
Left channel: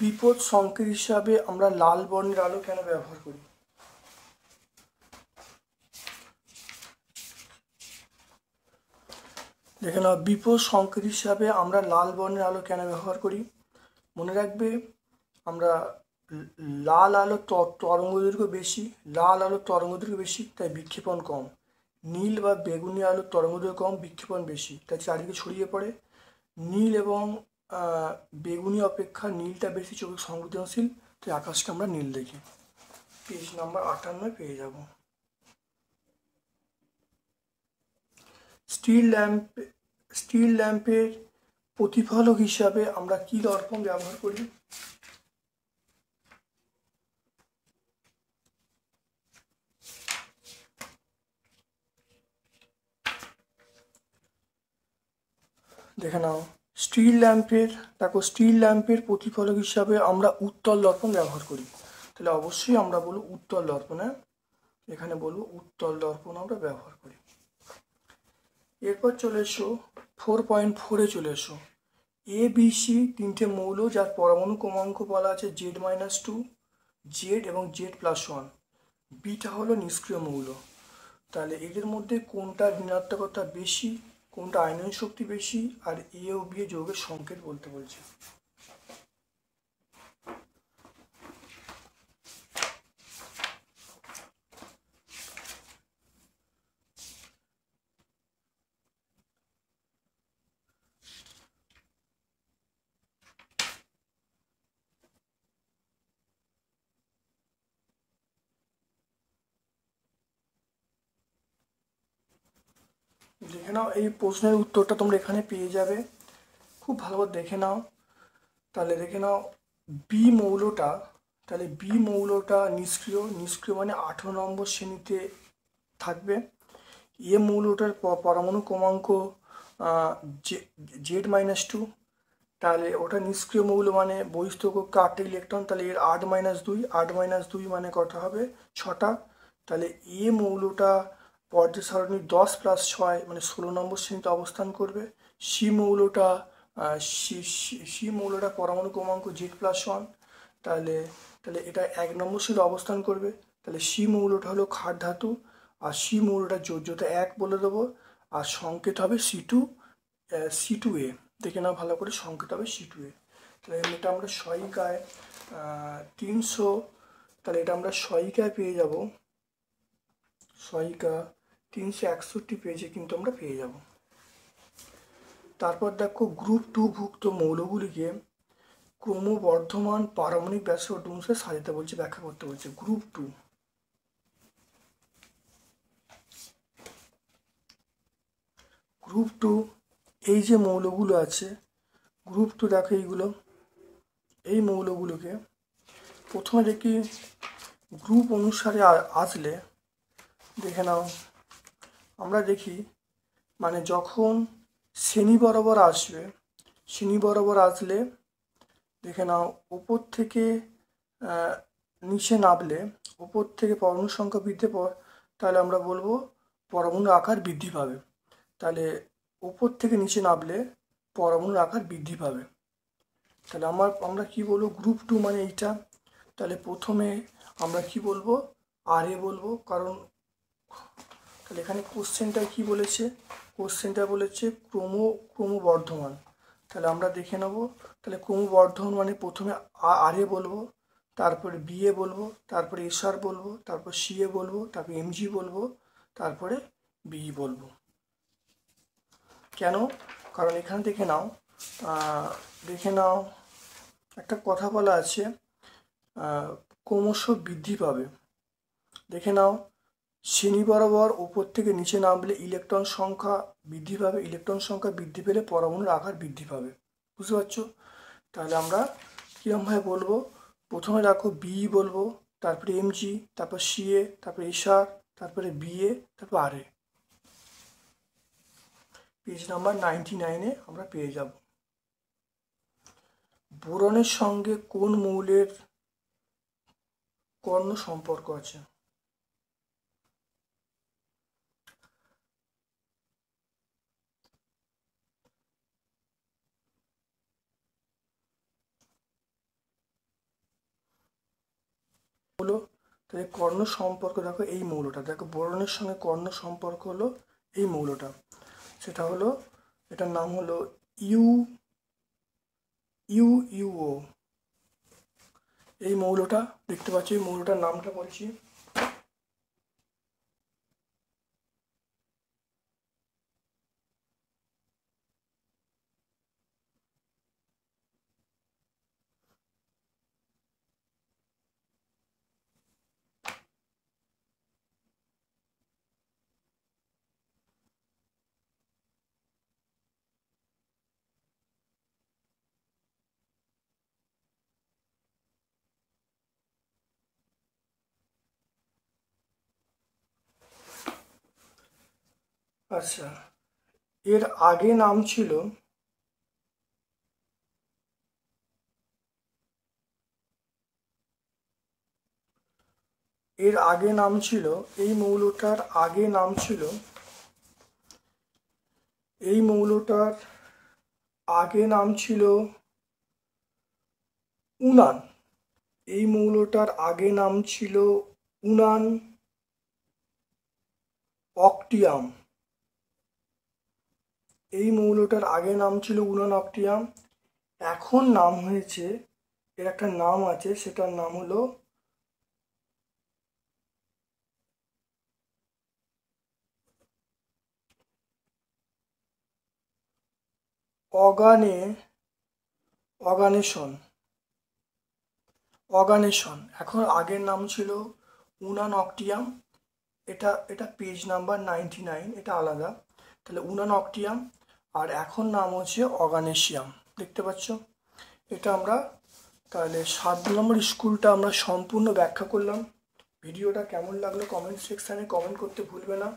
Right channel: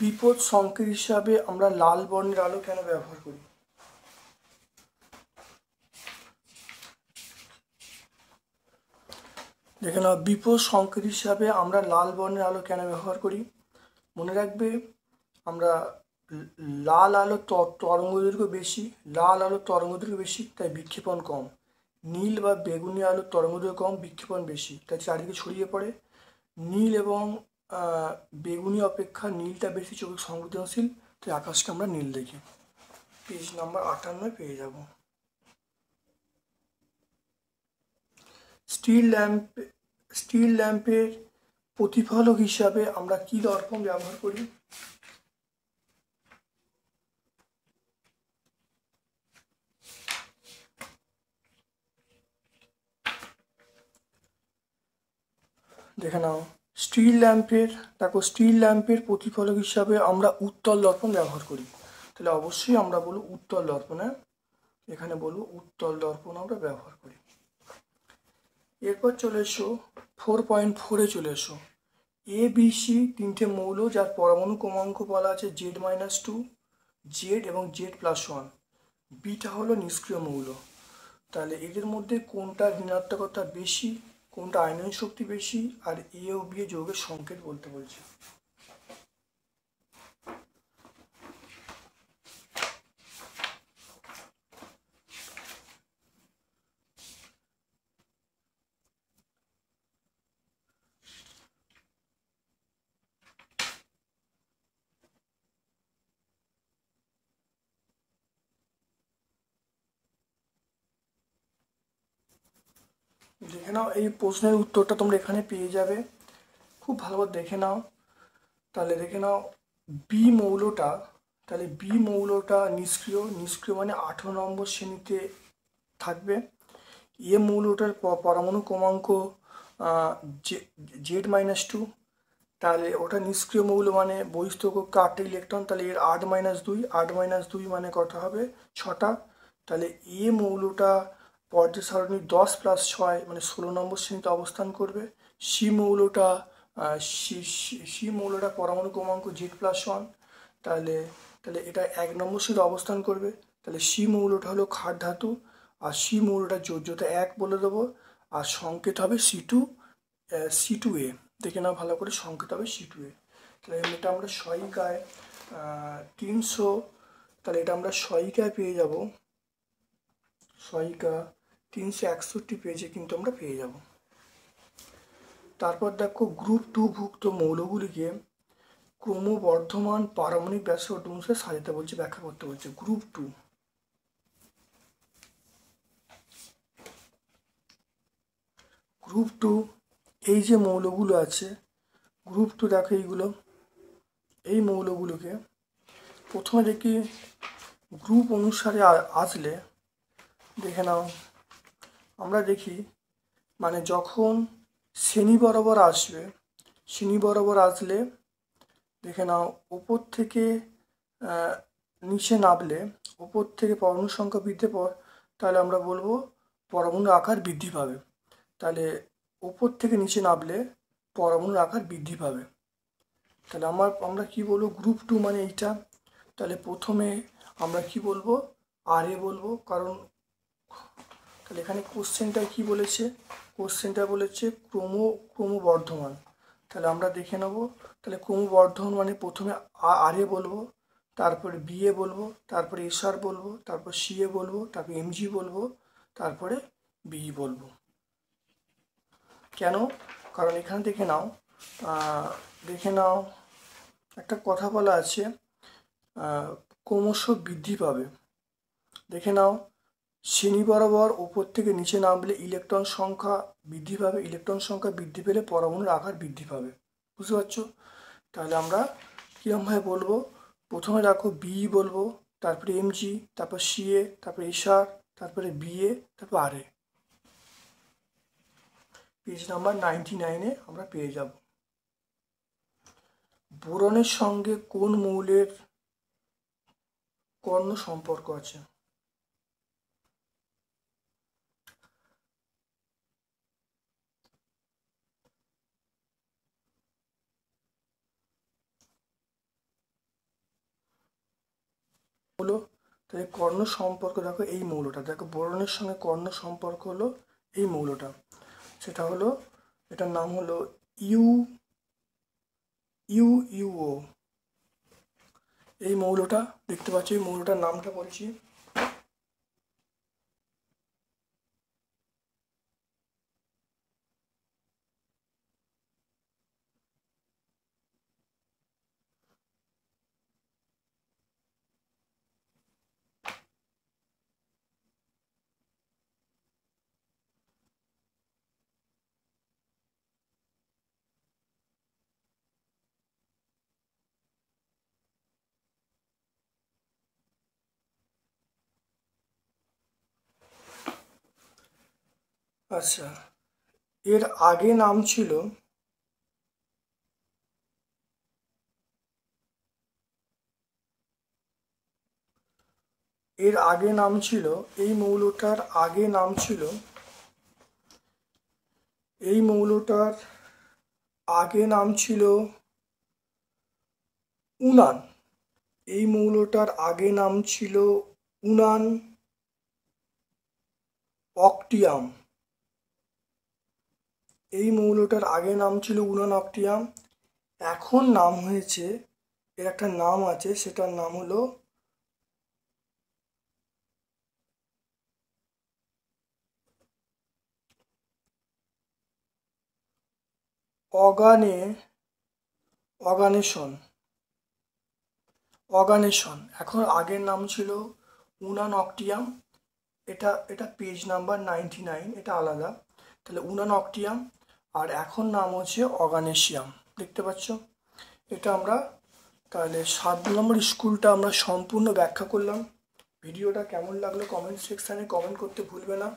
বিপদ সংকেত হিসাবে আমরা লাল বর্ণের আলো কেন ব্যবহার করি। দেখে নাও, বিপদ সংকেত হিসাবে আমরা লাল বর্ণের আলো কেন ব্যবহার করি। মনে রাখবে, আমরা লাল আলো তরঙ্গদৈর্ঘ্য বেশি, লাল আলো তরঙ্গদৈর্ঘ্য বেশি, তাই বিক্ষেপণ কম। নীল বা বেগুনি আলো তরঙ্গদৈর্ঘ্য কম, বিক্ষেপণ বেশি, তাই চারিদিকে ছড়িয়ে পড়ে। নীল এবং বেগুনি অপেক্ষা নীলটা বেশি চোখে সংবেদনশীল, তাই আকাশটা আমরা নীল দেখি। পেজ নাম্বার 58 পেয়ে যাব। স্টিল ল্যাম্পের প্রতিফলক হিসাবে আমরা কি দর্পণ ব্যবহার করি। দেখে নাও, স্টিল ল্যাম্পের প্রতিফলক হিসাবে আমরা উত্তল দর্পণ ব্যবহার করি, তাহলে অবশ্যই আমরা বলবো উত্তল দর্পণ। এখানে বলবো উত্তল দর্পণ আমরা ব্যবহার করি। এরপর চলে এসো 4.4 চলে এসো। এ বি সি তিনটে মৌল, যার পরমাণু ক্রমাঙ্ক বলা আছে Z-2, Z এবং Z+1। বিটা হলো নিষ্ক্রিয় মৌল। তাহলে এদের মধ্যে কোনটা ঋণাত্মকতা বেশি, কোনটা আয়নন শক্তি বেশি, আর এ ও বি যৌগের সংকেত বলতে বলছে। দেখে নাও, এই প্রশ্নের উত্তরটা তোমরা এখানে পেয়ে যাবে, খুব ভালোভাবে দেখে নাও। তাহলে দেখে নাও বি মৌলটা, তাহলে বি মৌলটা নিষ্ক্রিয়, নিষ্ক্রিয় মানে 18 নম্বর শ্রেণীতে থাকবে। এ মৌলটার পরমাণু ক্রমাঙ্ক Z-2, তাহলে ওটা নিষ্ক্রিয় মৌল মানে বহিস্থ কক্ষে 8টা ইলেকট্রন, তাহলে এর 8-2, 8-2 মানে কত হবে 6টা। তাহলে এ মৌলটা পর্যায় সারণীর 10+6 মানে 16 নম্বর শ্রেণীতে অবস্থান করবে। সি মৌলটা সি মৌলটা পরমাণু ক্রমাঙ্ক Z+1, তাহলে তাহলে এটা 1 নম্বর শ্রেণীতে অবস্থান করবে। তাহলে সি মৌলটা হলো ক্ষার ধাতু, আর সি মৌলটা যোজ্যতা 1 বলে দেবো, আর সংকেত হবে C2A। দেখে নাও ভালো করে, সংকেত হবে C2A। তাহলে এটা আমরা সহায়িকায় 300, তাহলে এটা আমরা সহায়িকায় পেয়ে যাব, সহায়িকা 361 পেজে কিন্তু আমরা পেয়ে যাব। তারপর দেখো গ্রুপ 2 ভুক্ত মৌলগুলিকে ক্রমবর্ধমান পারমাণবিক ব্যাসার্ধ অনুসারে সাজাতে বলছে, ব্যাখ্যা করতে বলছে। গ্রুপ টু এই যে মৌলগুলো আছে, গ্রুপ 2 দেখো এইগুলো, এই মৌলগুলোকে প্রথমে দেখি গ্রুপ অনুসারে আসলে, দেখে নাও আমরা দেখি মানে যখন শ্রেণী বরাবর আসবে, শ্রেণী বরাবর আসলে দেখে নাও উপর থেকে নিচে নামলে, উপর থেকে পরমাণু সংখ্যা বৃদ্ধি পর, তাহলে আমরা বলবো পরমাণুর আকার বৃদ্ধি পাবে। তাহলে উপর থেকে নিচে নামলে পরমাণুর আকার বৃদ্ধি পাবে। তাহলে আমরা কি বলবো, গ্রুপ 2 মানে এইটা। তাহলে প্রথমে আমরা কি বলবো, RA বলবো, কারণ তাহলে এখানে কোশ্চেনটা কি বলেছে, কোশ্চেনটা বলেছে ক্রমবর্ধমান। তাহলে আমরা দেখে নেব, তাহলে ক্রমবর্ধমান মানে প্রথমে RA বলবো, তারপরে BA বলবো, তারপরে SR বলবো, তারপর CA বলবো, তারপর MG বলবো, তারপরে BE বলবো। কেন? কারণ এখানে দেখে নাও একটা কথা বলা আছে, ক্রমশ বৃদ্ধি পাবে। দেখে নাও শ্রেণী বরাবর উপর থেকে নিচে নামলে ইলেকট্রন সংখ্যা বৃদ্ধি পাবে, ইলেকট্রন সংখ্যা বৃদ্ধি পেলে পরমাণুর আকার বৃদ্ধি পাবে। বুঝতে পারছো? তাহলে আমরা কিরমভাবে বলবো, প্রথমে দেখো BE বলবো, তারপরে MG, তারপর CA, তারপরে SR, তারপরে BA, তারপর RA। পেজ নাম্বার 99-এ আমরা পেয়ে যাব। বোরনের সঙ্গে কোন মৌলের কর্ণ সম্পর্ক আছে? হলো, তাহলে কর্ণ সম্পর্ক দেখো এই মৌলটা, দেখো বোরনের সঙ্গে কর্ণ সম্পর্ক হলো এই মৌলটা, সেটা হলো, এটার নাম হলো UUO। এই মৌলটা দেখতে পাচ্ছি, এই মৌলটার নামটা বলছি, আচ্ছা এর আগে নাম ছিল, এর আগে নাম ছিল, এই মৌলটার আগে নাম ছিল, এই মৌলটার আগে নাম ছিল উনান। এই মৌলটার আগে নাম ছিল উনান, অক্টিয়াম। এই মৌলটার আগে নাম ছিল উনান অক্টিয়াম, এখন নাম হয়েছে, এর একটা নাম আছে, সেটার নাম হলো অর্গানেশন। এখন আগের নাম ছিল উনান অক্টিয়াম, এটা এটা পেজ নাম্বার 99, এটা আলাদা। তাহলে উনান অক্টিয়াম, আর এখন নাম হচ্ছে অর্গানেশিয়াম। দেখতে পাচ্ছ? এটা আমরা তাহলে 7 নম্বর স্কুলটা আমরা সম্পূর্ণ ব্যাখ্যা করলাম। ভিডিওটা কেমন লাগলো কমেন্ট সেকশানে কমেন্ট করতে ভুলবে না।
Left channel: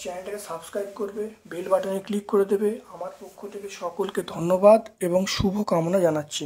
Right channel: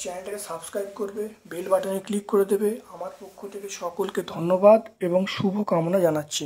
চ্যানেলটাকে সাবস্ক্রাইব করবে, বেল বাটনে ক্লিক করে দেবে। আমার পক্ষ থেকে সকলকে ধন্যবাদ এবং শুভ কামনা জানাচ্ছি।